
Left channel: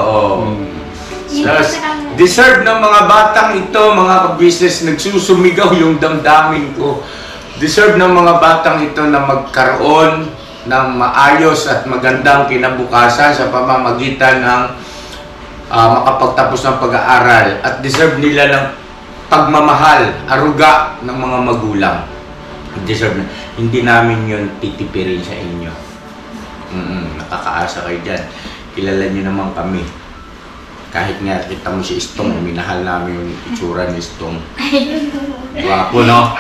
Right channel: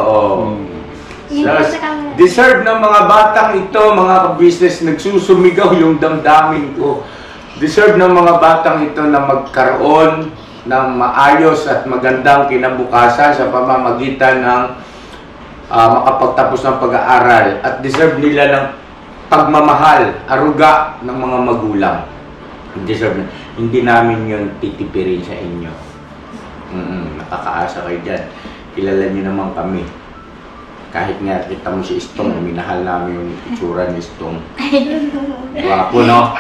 Deserve ng mga batang ito, mga ka-business, nagsusumigaw yung damdamin ko. Deserve ng mga batang ito na magkaroon ng maayos at magandang kinabukasan sa pamamagitan ng makapagtapos ng pag-aaral. At deserve nila ng pagmamahal, aruga ng mga magulang. Deserve na. Hindi namin yun titipirin sa inyo. Nakakaasa kayo dyan. Kilala nyo naman kami. Kahit nga kita mo si Istong, minahal namin yung itsura ni Istong. Gwapo, no?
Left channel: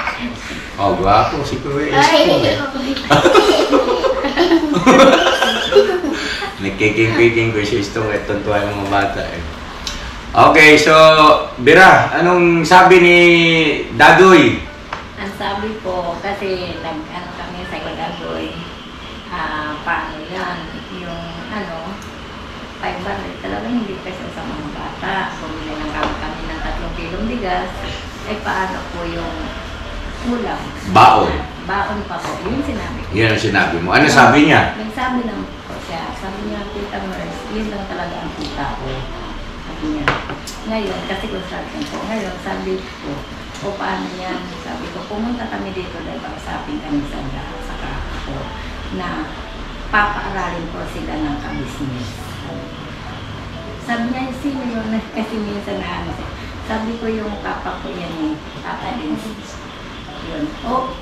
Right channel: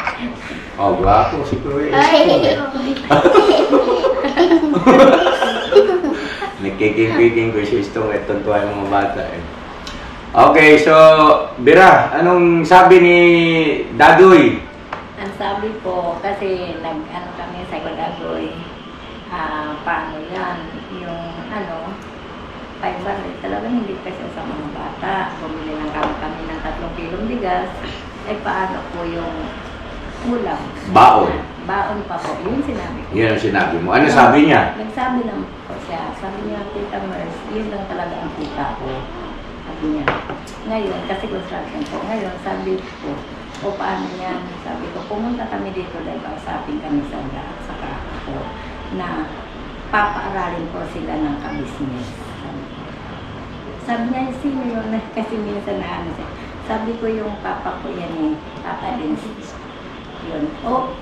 Gwapo si Kuya Istong. Nagkiking-kiking ko si Istong at tuntua yung mga bata. Okay, so, Bira, anong sabi ni Dadoy? Ang sabi po, kasi nag-ano kami sa Dadoy, paano yan, yung 500 talaga hindi kasi sa mga bata. Bumili lang kami ng 3 kilong bigas. Paano po yung ulam? Baon. Baon pa po. Yun sinabi ko. Yan ang sinabi mo. Ano sabi niya? Nagsabi lang po siya. Sabi niya, Tita Merce, yun lang talaga ang kita ko. Sabi niya. Ngayon, kasi construction po. Ngayon, sabi ko, paano yan? Sabi ko, pumunta kami dito dahil kausapin kami sa kako na papaaralin po sila ng kabisnes. Sabi niya, sino yun? Kasi minsan na sabi ko yung papa ko yan Papa din. Yun.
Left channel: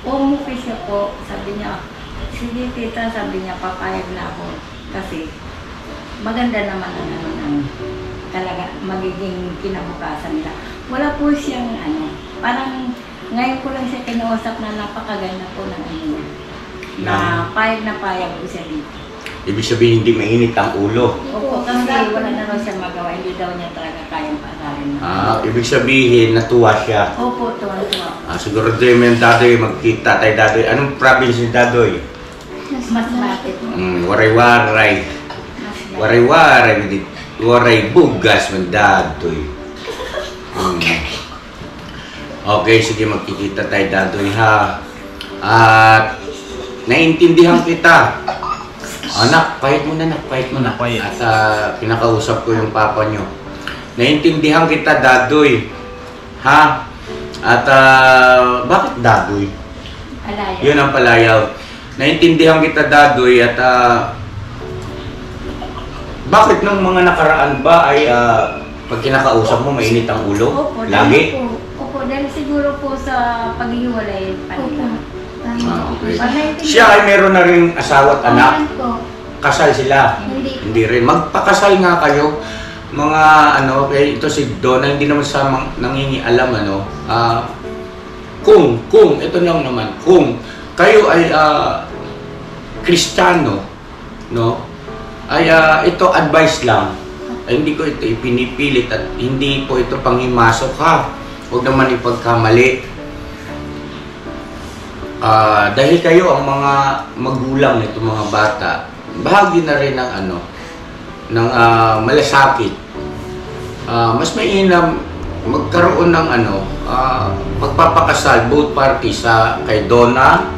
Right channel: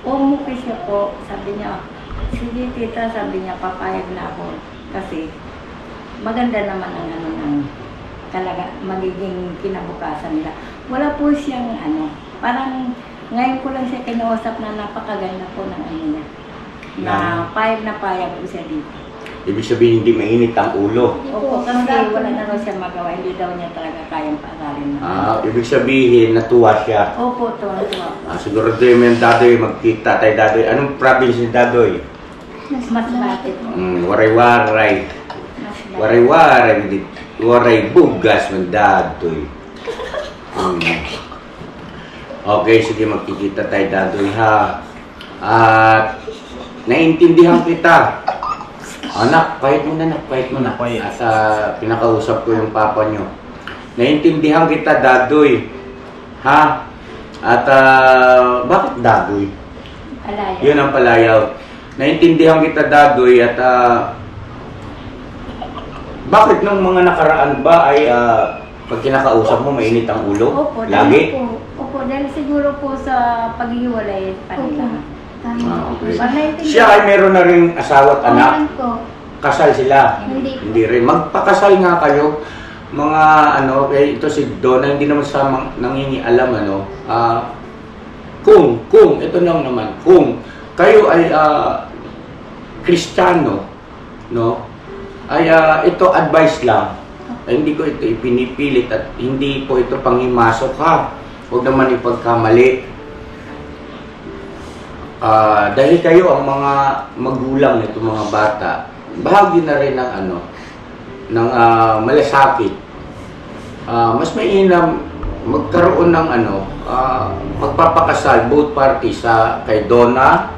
Umuwi siya po. Sabi niya, sige tita, sabi niya, papayag na ako. Kasi maganda naman ang talaga magiging kinabukasan nila. Wala po siyang parang ngayon ko lang siya kinausap na napakaganda po ng niya. Na payag po siya dito. Ibig sabihin, hindi mainit ang ulo. Opo, kasi wala na raw siya magawa. Hindi daw niya talaga kayang paaralin. Ibig sabihin, natuwa siya. Opo, tuwa. Siguro doon yung Dadoy, magkita tayo Dadoy. Anong province ni Dadoy? Masbate po. Waray-waray. Waray-waray. Waray bugas ng Dadoy. Okay, sige, magkikita tayo Dadoy ha. At naiintindihan kita. Anak, pahit mo na, pahit mo na. At pinakausap ko yung papa nyo. Naintindihan kita, Dadoy. Ha? At bakit Dadoy? Palayaw. Yun ang palayaw. Naintindihan kita, Dadoy. At bakit nung mga nakaraan ba ay Pag kinakausap mo, mainit ang ulo? Opo, Lagi? dahil siguro po sa paghiwalay pa nila. Okay. Panay- Siya ay meron na rin asawa at anak. Anak po. Kasal sila? Hindi. Hindi rin. Magpakasal nga kayo. Mga ano, ito si Donna, hindi naman sa nangingialam ano. Kung, ito lang naman, kung kayo ay Kristiyano, no? Ay ito advice lang. Ay, hindi ko ito ipinipilit at hindi po ito panghimasok ha. Huwag naman ipagkamali. Dahil kayo ang mga magulang nito mga bata, bahagi na rin ng ano, ng malasakit. Mas mainam magkaroon ng ano, magpapakasal both parties sa kay Donna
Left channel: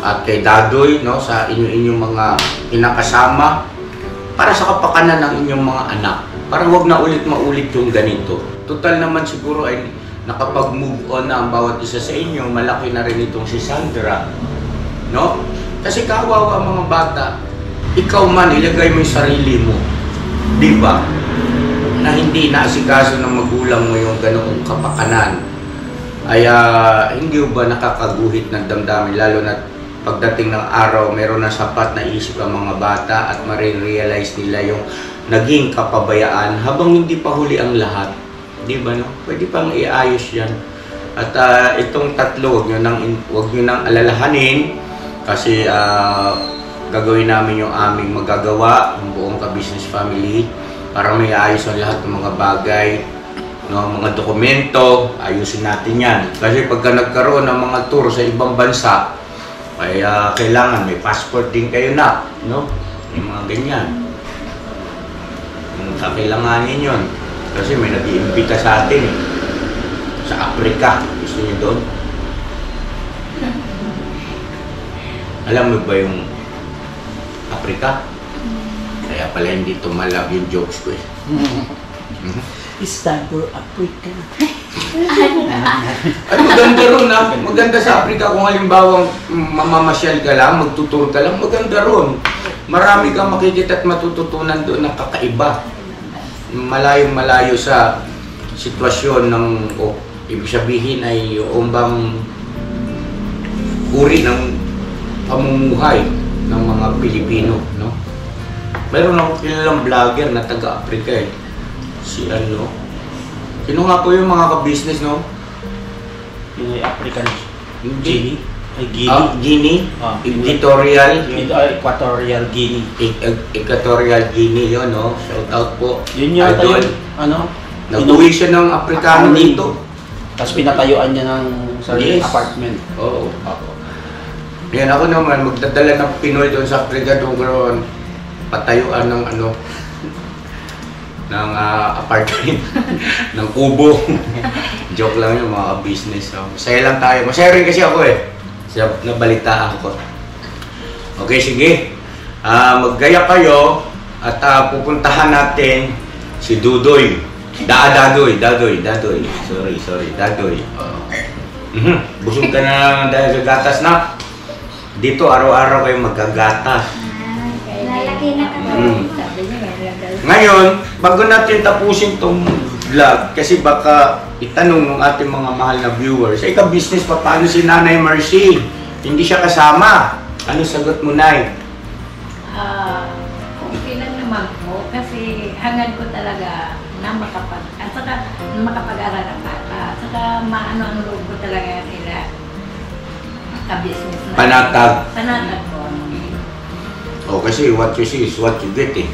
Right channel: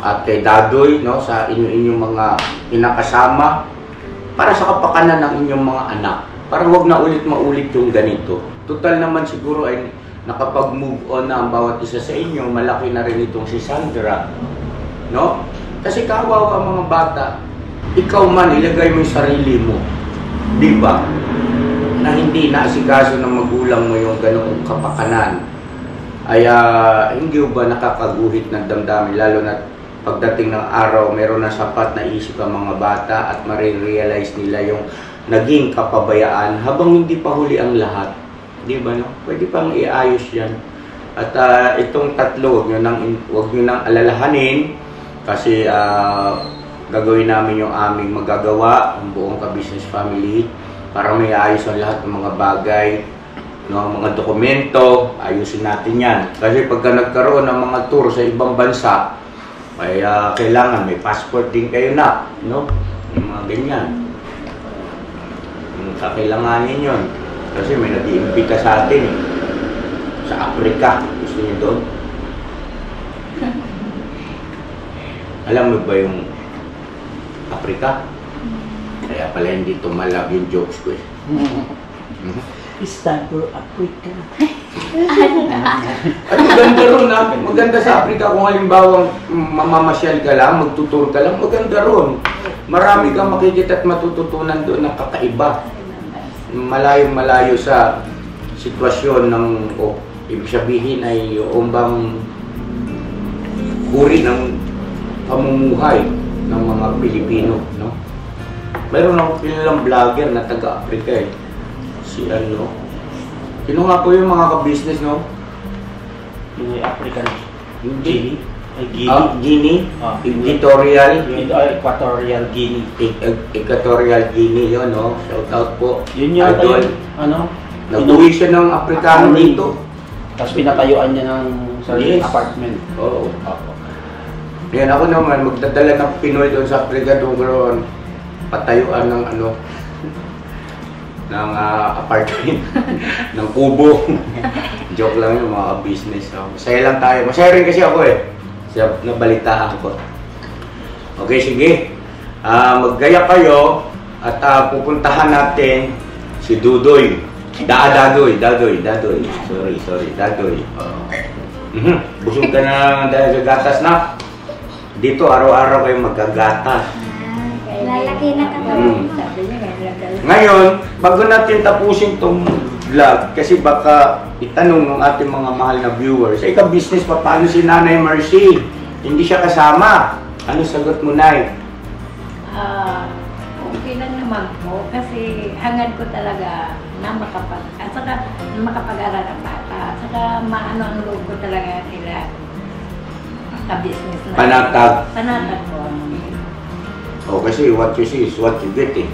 at kay Dadoy, no, sa inyong mga kinakasama para sa kapakanan ng inyong mga anak. Para wag na ulit maulit yung ganito. Total naman siguro ay nakapag-move on na ang bawat isa sa inyo. Malaki na rin itong si Sandra, no? Kasi kawawa ang mga bata. Ikaw man, ilagay mo yung sarili mo. Di ba? Na hindi naasikaso ng magulang mo yung ganoong kapakanan. Ay hindi ba nakakaguhit ng damdamin, lalo na pagdating ng araw, meron na sapat na isip ang mga bata at marirealize nila yung naging kapabayaan habang hindi pa huli ang lahat. Di ba, no? Pwede pang iayos yan. At itong tatlo, huwag nyo nang alalahanin kasi gagawin namin yung aming magagawa, ang buong ka-business family, para may ayos ang lahat ng mga bagay, no, mga dokumento, ayusin natin yan. Kasi pagka nagkaroon ng mga tour sa ibang bansa, ay kailangan may passport din kayo na, no? Yung mga ganyan. Kakailanganin yun. Kasi may nag-iimbita sa atin eh. Sa Africa. Gusto niyo doon? Alam mo ba yung Africa? Kaya pala hindi tumalab yung jokes ko eh. It's time for Africa. Ay, maganda ron ah. Maganda sa Africa kung halimbawa mamamasyal ka lang, magtutur ka lang, maganda ron. Marami kang makikita at matututunan doon ng kakaiba. Malayo-malayo sa sitwasyon ng, ibig sabihin ay yung bang uri ng pamumuhay ng mga Pilipino, no? Mayroon akong kilalang vlogger na taga-Africa eh. Si ano? Sino nga po yung mga ka-business, no? Yung African Hindi. Guinea. Guinea? Ah. Equatorial? Equatorial Guinea. Equatorial Guinea yun, no? Shout out po. Yun yung Idol. ano? Nag-uwi siya ng Afrikano dito. Tapos pinatayuan niya ng sarili Yes. apartment. Oo. Yan ako naman, magdadala ng Pinoy doon sa Africa doon patayuan ng ano, ng apartment, ng kubo. Joke lang yung mga business. So, masaya lang tayo. Masaya rin kasi ako eh. Nabalitaan ko. Okay, sige. Maggaya kayo at pupuntahan natin si Dudoy. Dadoy. Sorry, Dadoy. Busog ka na dahil sa gatas na. Dito araw-araw kayo magagatas. Lalaki na kami. Sabi niya, Ngayon, bago natin tapusin tong vlog, kasi baka itanong ng ating mga mahal na viewers, ka-business pa, paano si Nanay Mercy? Hindi siya kasama. Ano sagot mo, Nay? Okay lang naman po kasi hangad ko talaga na makapag-aral ang bata. At saka maano ang loob ko talaga nila ka-business na. Panatag. Panatag po. Kasi what you see is what you get eh.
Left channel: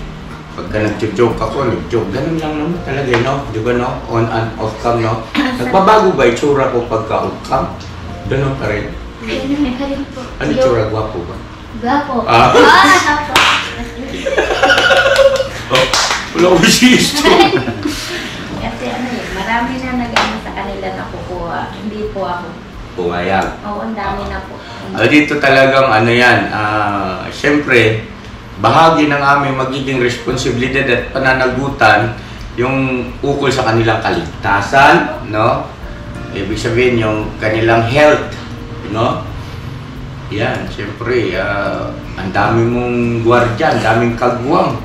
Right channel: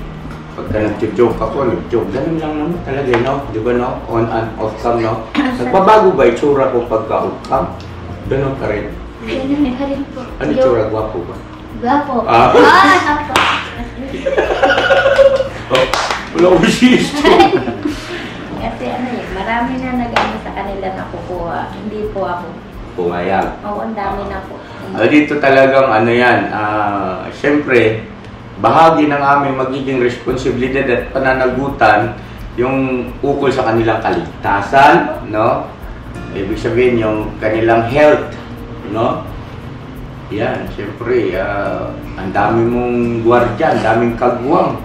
Pagka nag-joke ako, nag-joke, ganun lang naman talaga, no? Di ba, no? On and off cam, no? Nagbabago ba itsura ko pagka off cam? Ganun pa rin. Ganun pa rin po. Ano itsura? Gwapo ba? Gwapo. Apo. Wala ko sisto. Kasi marami na nag-ano sa kanila na kukuha. Hindi po ako. Pumayag. Oo, ang dami na po. Dito talagang ano yan, siyempre, bahagi ng aming magiging responsibilidad at pananagutan yung ukol sa kanilang kaligtasan, no? Ibig sabihin yung kanilang health, no? Yan, siyempre, ang dami mong gwardiya, ang daming kagwang,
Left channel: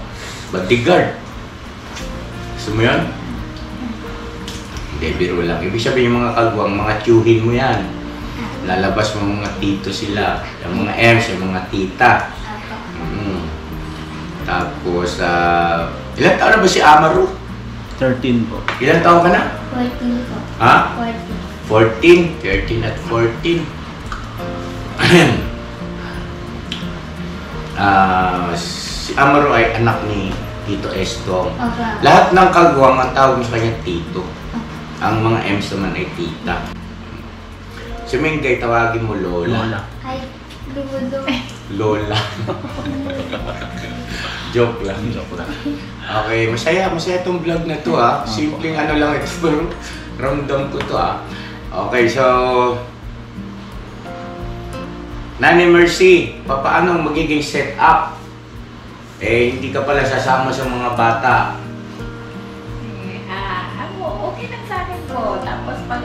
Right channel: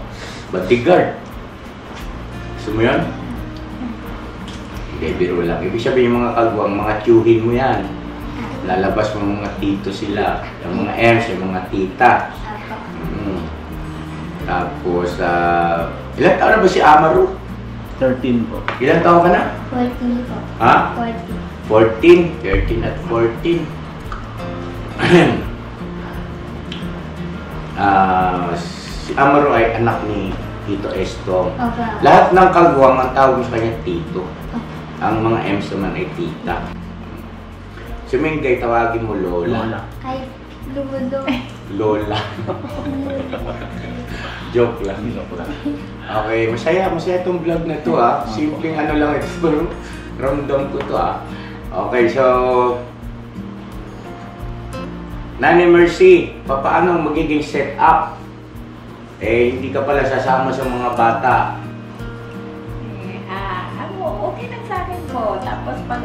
bodyguard. Gusto mo yan? Hindi, biro lang. Ibig sabihin yung mga kagwang, mga tiyuhin mo yan. Lalabas mo mga tito sila. Yung mga ems, yung mga tita. Tapos, ilan taon na ba si Amaru? 13 po. Ilan taon ka na? 14 po. Ha? 14. 14. 13 at 14. Si Amaru ay anak ni Tito Estong. Opo. Lahat ng kagwang ang tawag mo sa kanya Tito. Ang mga M's naman ay Tita. Si Mengay, tawagin mo Lola. Ay, ludo. Lola. Joke lang. Okay, masaya tong vlog na to ah. Simpleng ano lang ito, pero ramdam ko to ah. Okay, so Nanay Mercy, paano magiging setup? Hindi ka pala sasama sa mga bata. Okay lang sa akin po. Tapos pag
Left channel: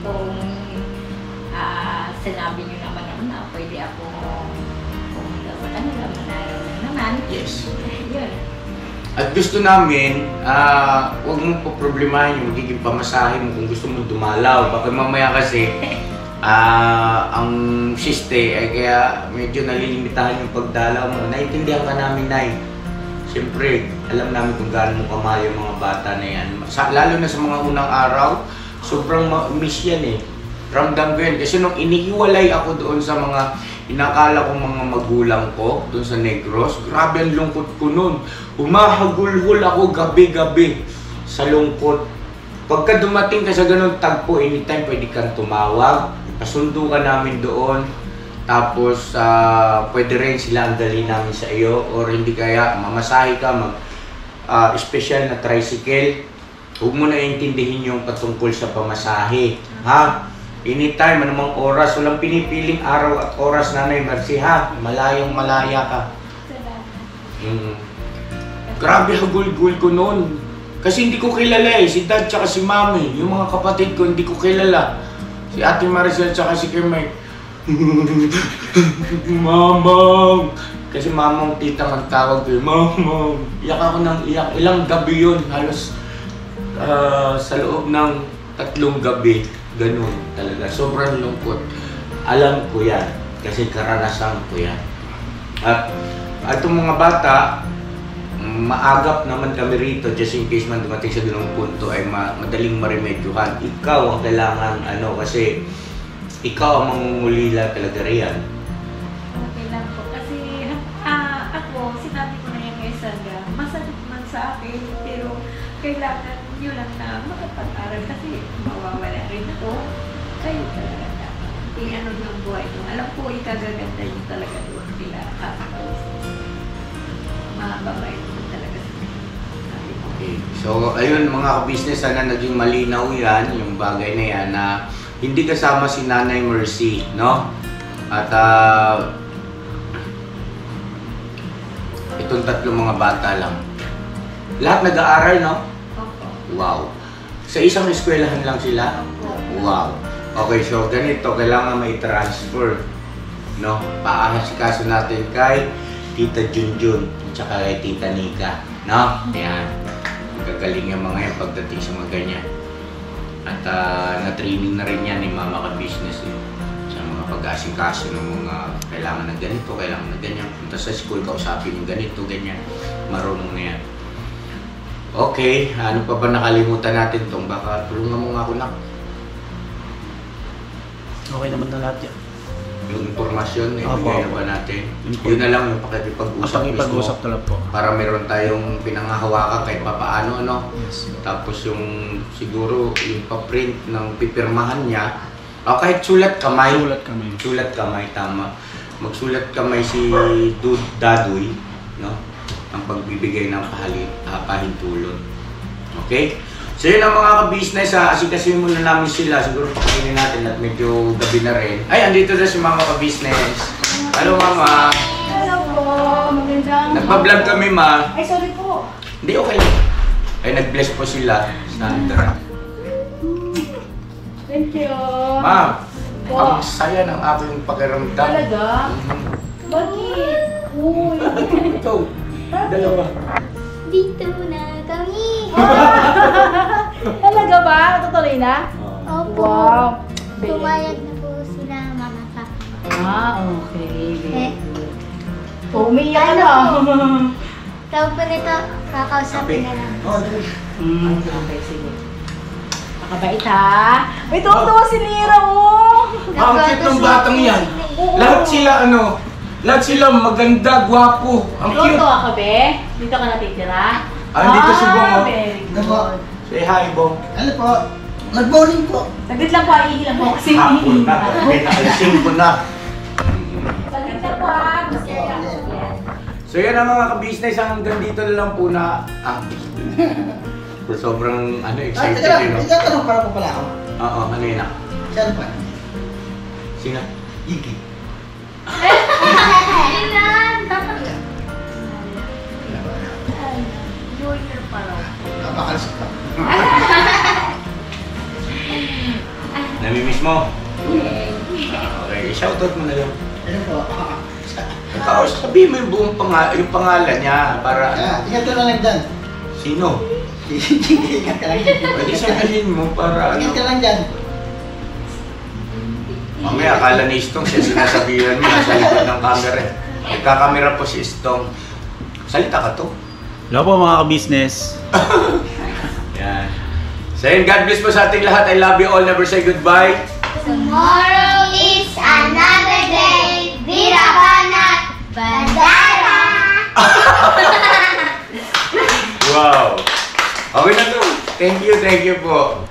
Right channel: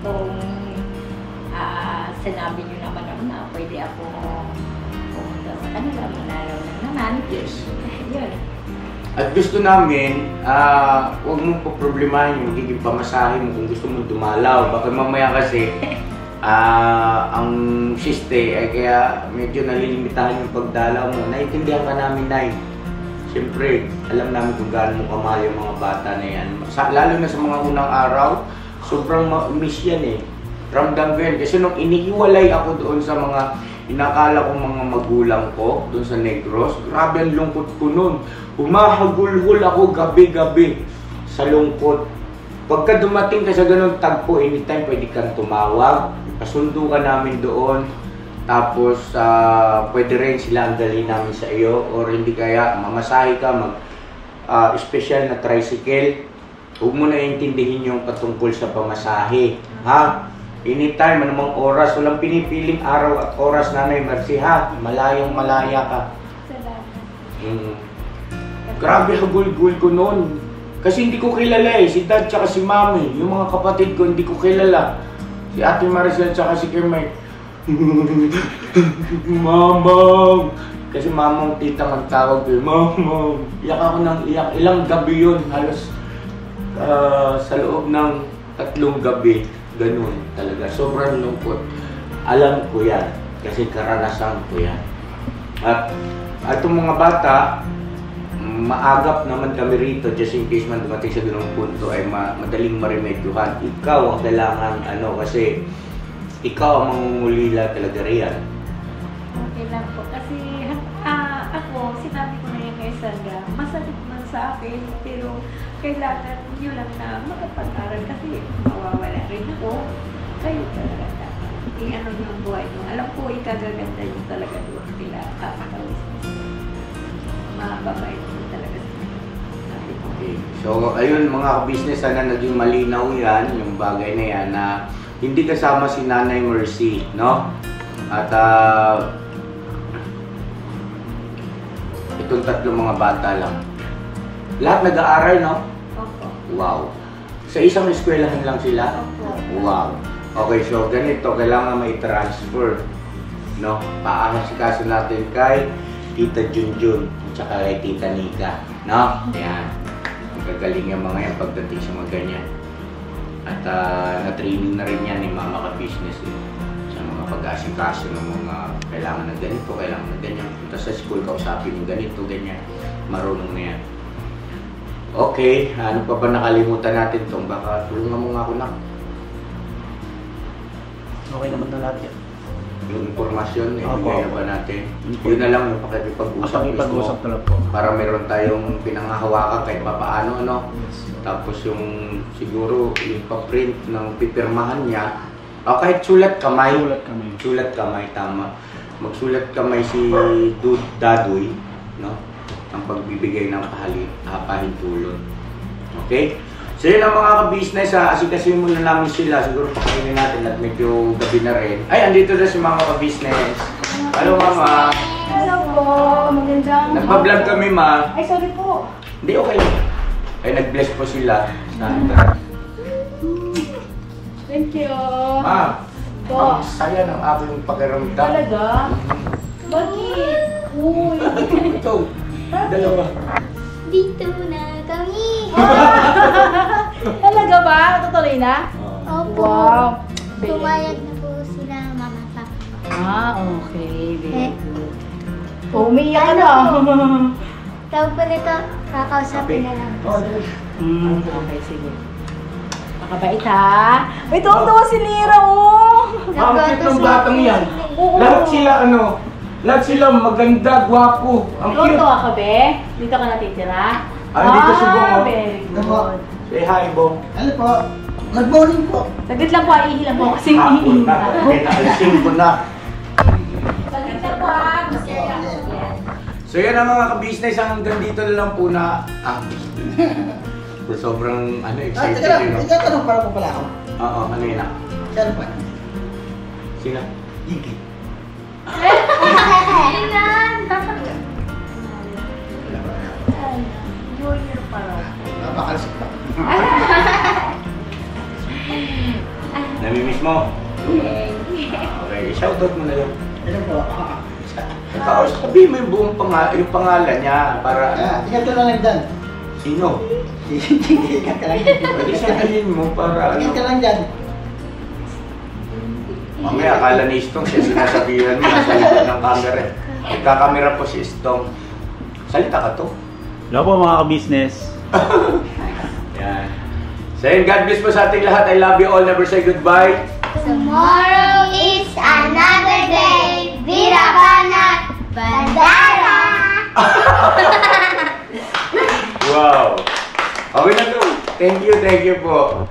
kung sinabi nyo naman na pwede ako pumunta sa kanila, manaraw lang naman. Yes. Yun. At gusto namin, huwag mong poproblemahin yung magiging pamasahe mo kung gusto mo dumalaw. Baka mamaya kasi, ang siste ay kaya medyo nalilimitahan yung pagdalaw mo. Naintindihan ka namin, Nay. Siyempre, alam namin kung gaano mo kamahal yung mga bata na yan. Lalo na sa mga unang araw, sobrang miss yan eh. Ramdam ko yan. Kasi nung inihiwalay ako doon sa mga inakala kong mga magulang ko, doon sa Negros, grabe ang lungkot ko noon. Humahagulhol ako gabi-gabi sa lungkot. Pagka dumating ka sa ganun tagpo, anytime pwede kang tumawag, pasundo ka namin doon, tapos pwede rin sila ang dalhin namin sa iyo, or hindi kaya mamasahe ka, special na tricycle. Huwag mo na intindihin yung patungkol sa pamasahe, ha? Anytime, anumang oras, walang pinipiling araw at oras, Nanay Mercy, ha? Malayong malaya ka. Grabe hagul-gul ko noon. Kasi hindi ko kilala eh, si Dad tsaka si Mami. Yung mga kapatid ko, hindi ko kilala. Si Ate Maricel tsaka si Kimay. Mamang! Kasi Mamang tita ang tawag ko. Mamang! Iyak ako ng iyak. Ilang gabi yun. Halos sa loob ng 3 gabi. Ganun talaga. Sobrang lungkot. Alam ko yan. Kasi karanasan ko yan. At itong mga bata, maagap naman kami rito just in case man dumating sa ganung punto ay madaling maremedyohan. Ikaw ang kailangan kasi ikaw ang mangungulila talaga riyan. Okay lang po. Kasi ako, sinabi ko na yan kay Sandra, masakit man sa akin, pero kailangan nyo lang na makapag-aral kasi mawawala rin ako. Kayo talaga dapat. Yung buhay nyo. Alam ko, ikagaganda nyo talaga doon sila kakapalis. Mababait mo talaga sila. Okay. So, ayun mga ka-business, sana naging malinaw yan, yung bagay na yan na hindi kasama si Nanay Mercy, no? At itong 3 mga bata lang. Lahat nag-aaral, no? Opo. Wow. Sa isang eskwelahan lang sila? Wow. Okay, so ganito, kailangan may transfer, no? Paasikaso natin kay Tita Junjun at saka kay Tita Nika, no? Ayan. Gagaling yung mga yan pagdating sa mga ganyan. At na-training na rin yan ni Mama Ka-Business sa mga pag-asikaso ng mga kailangan ng ganito, kailangan ng ganyan. Punta sa school, kausapin yung ganito, ganyan. Marunong na yan. Okay, ano pa ba nakalimutan natin itong? Baka tulungan mo nga ako, Nak. Okay naman na lahat yan. Yung impormasyon, Opo. ibigay na ba natin? Yun na lang yung pakipag-usap mismo. Pag-usap na lang po. Para meron tayong pinangahawakan kahit papaano, ano? Yes. Tapos yung siguro yung pa-print ng pipirmahan niya, o kahit sulat kamay. Sulat kami. Sulat kamay, tama. Magsulat kamay si Dadoy, no? Ang pagbibigay ng pahintulot. Okay? So yun ang mga ka-business, asikasin muna namin sila. Siguro pakainin natin at medyo gabi na rin. Ay, andito na si mga ka-business. Hello, Mama. Hello po, magandang... Nagpa-vlog kami, Ma. Ay, sorry po. Hindi, okay lang. Ay, nag-bless po sila. Sandra. Thank you. Ma, Po. ang saya ng aking pakiramdam. Talaga? Bakit? Uy. Ito, dalawa. Dito na kami. Talaga ba? Natutuloy na? Opo. Wow. Pumayag na po sila, mama, papa. Okay. Eh, Umiyak ka na. tawag po nito, kakausapin na lang. Okay, sige. Makabait ha. May tuwang-tuwa si Lira, oh. Ang cute ng batang yan. Lahat sila maganda, gwapo. Ang cute. Tuwang-tuwa ka, be? Dito ka natitira? Dito si Bong, oh. Very good. Say hi, Bong. Ano po? Nag-bowling po. Saglit lang po, ihilang po kasi. Hapon na. Pinakalisin ko na. Saglit lang po, ha. Gusto niya. So yan ang mga ka-business, hanggang dito na lang po na sobrang excited Teka lang, yun. itatanong para po pala ako. Oo, ano yun na? Saan pa? Sino? Gigi. Junior pa raw. Napakalasik pa. Namimiss mo? Okay, shoutout mo na lang. Ano po? Tapos sabihin mo yung buong pangalan niya para Tingnan ko lang dyan. sino? Tingnan ka lang dyan. Pwede sabihin mo para Tingnan ka lang dyan. Mamaya akala ni Istong siya sinasabihan mo nasa likod ng camera. Nagkakamera po si Istong. Salita ka to. Hello po mga ka-business. Yan. So yun, God bless po sa ating lahat. I love you all. Never say goodbye. Tomorrow is another day. Vira Banat Bandara! Wow! Okay na to. Thank you po.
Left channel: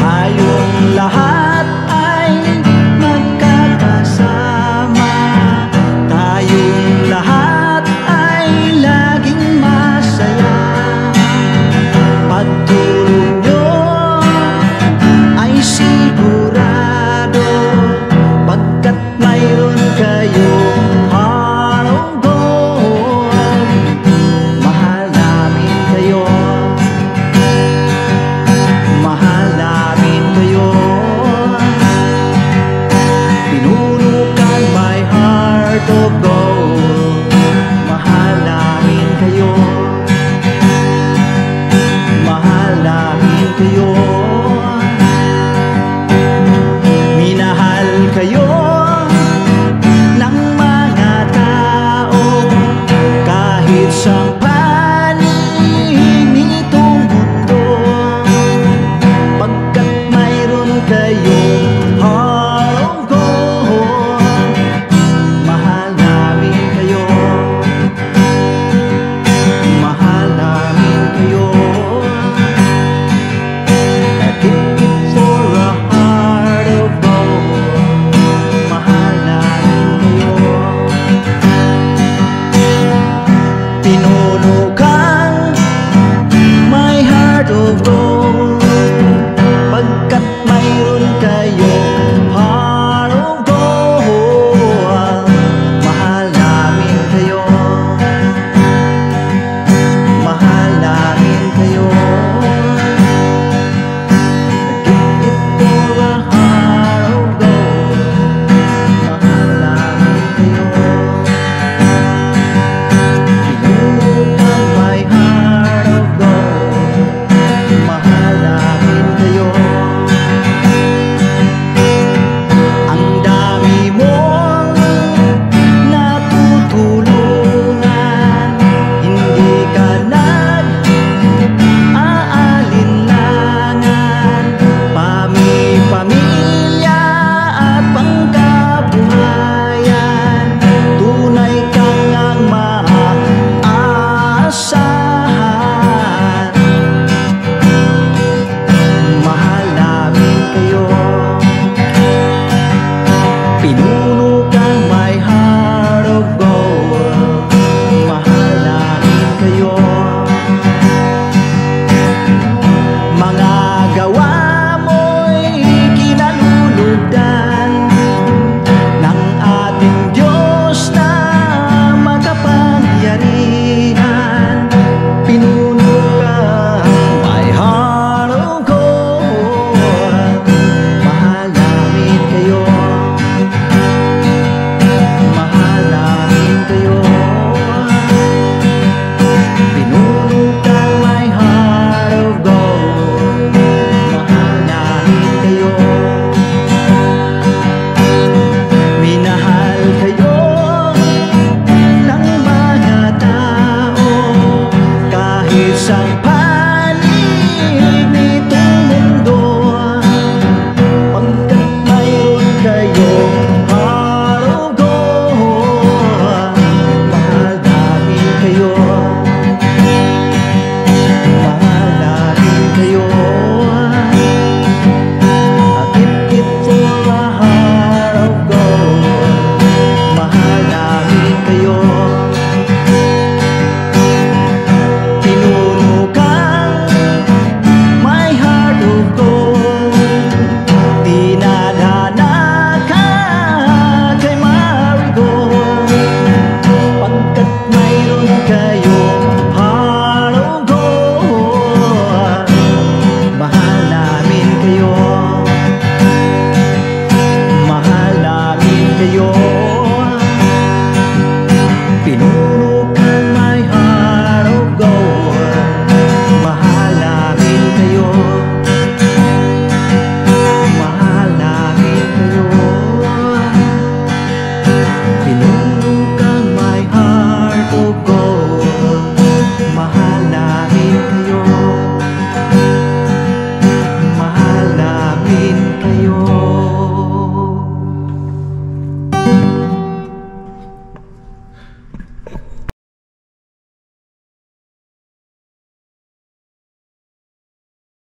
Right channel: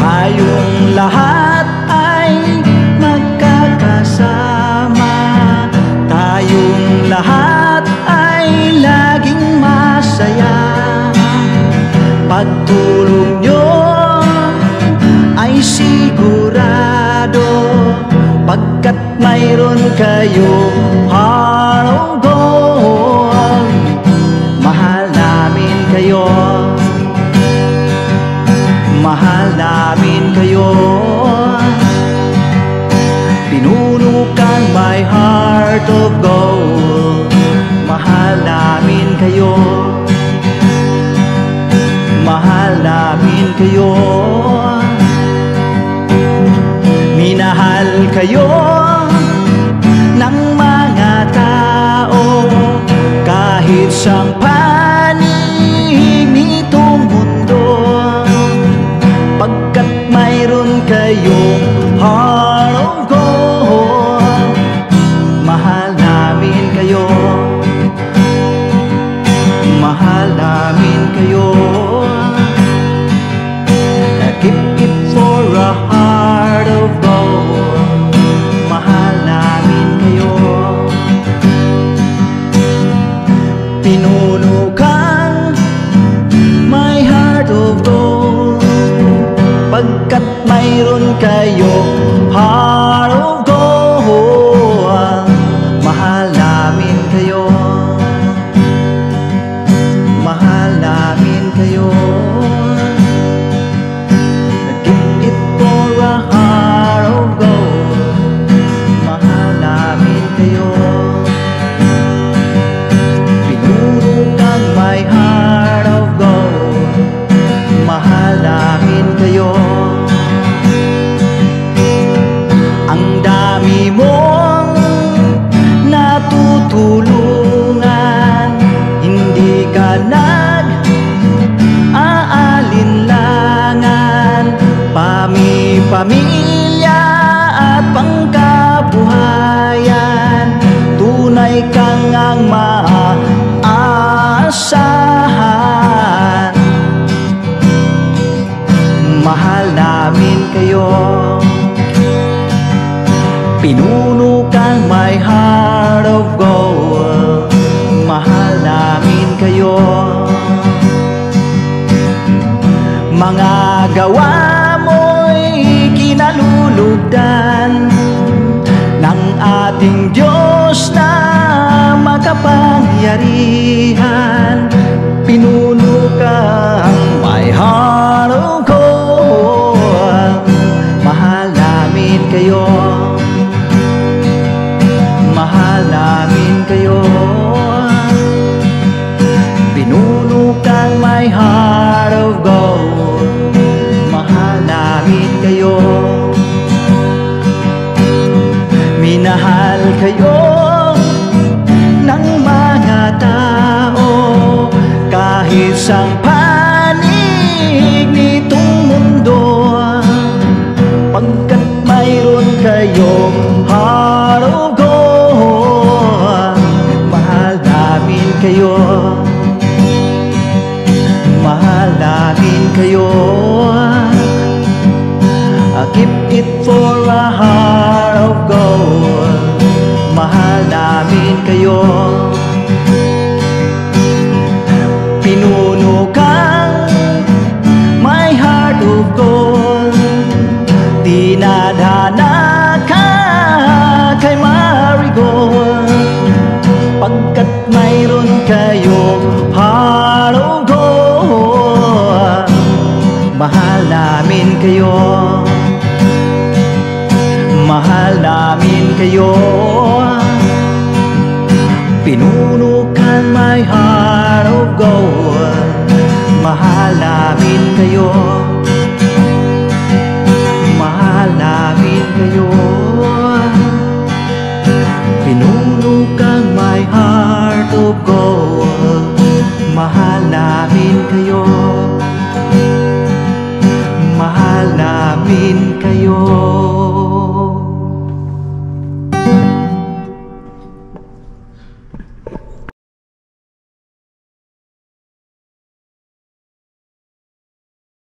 Tayong lahat ay magkakasama. Tayong lahat ay laging masaya. Pagtulong nyo ay sigurado, pagkat mayroon kayong heart of gold. Mahal namin kayo. Mahal namin kayo. Pinuno kang my heart of gold. Mahal namin kayo. Mahal namin kayo. Minahal kayo ng mga tao kahit sang panig nitong mundo, pagkat mayroon kayong heart of gold. Mahal namin kayo. Mahal namin kayo. Keep it for a heart of gold. Mahal namin kayo. Pinuno kang my heart of gold, pagkat mayroon kayong heart of gold. Mahal namin kayo. Mahal namin kayo. Give it for a heart of gold. Mahal namin kayo. Pinuno kang my heart of gold. Mahal namin kayo. Ang dami mong natutulungan, hindi ka nag-aalinlangan. Pamilya at pangkabuhayan, tunay kang ang maaasahan. Mahal namin kayo. Pinuno kang my heart of gold. Mahal namin kayo. Mga gawa mo'y kinalulugdan, isang panig nitong mundo, pagkat mayroon kayong heart of gold. Mahal namin kayo, mahal namin kayo. I keep it for a heart of gold. Mahal namin kayo. Pinuno kang my heart of gold. Dinadhana ka kay marigold, pagkat mayroon kayong heart of gold. Mahal namin kayo, mahal namin kayo.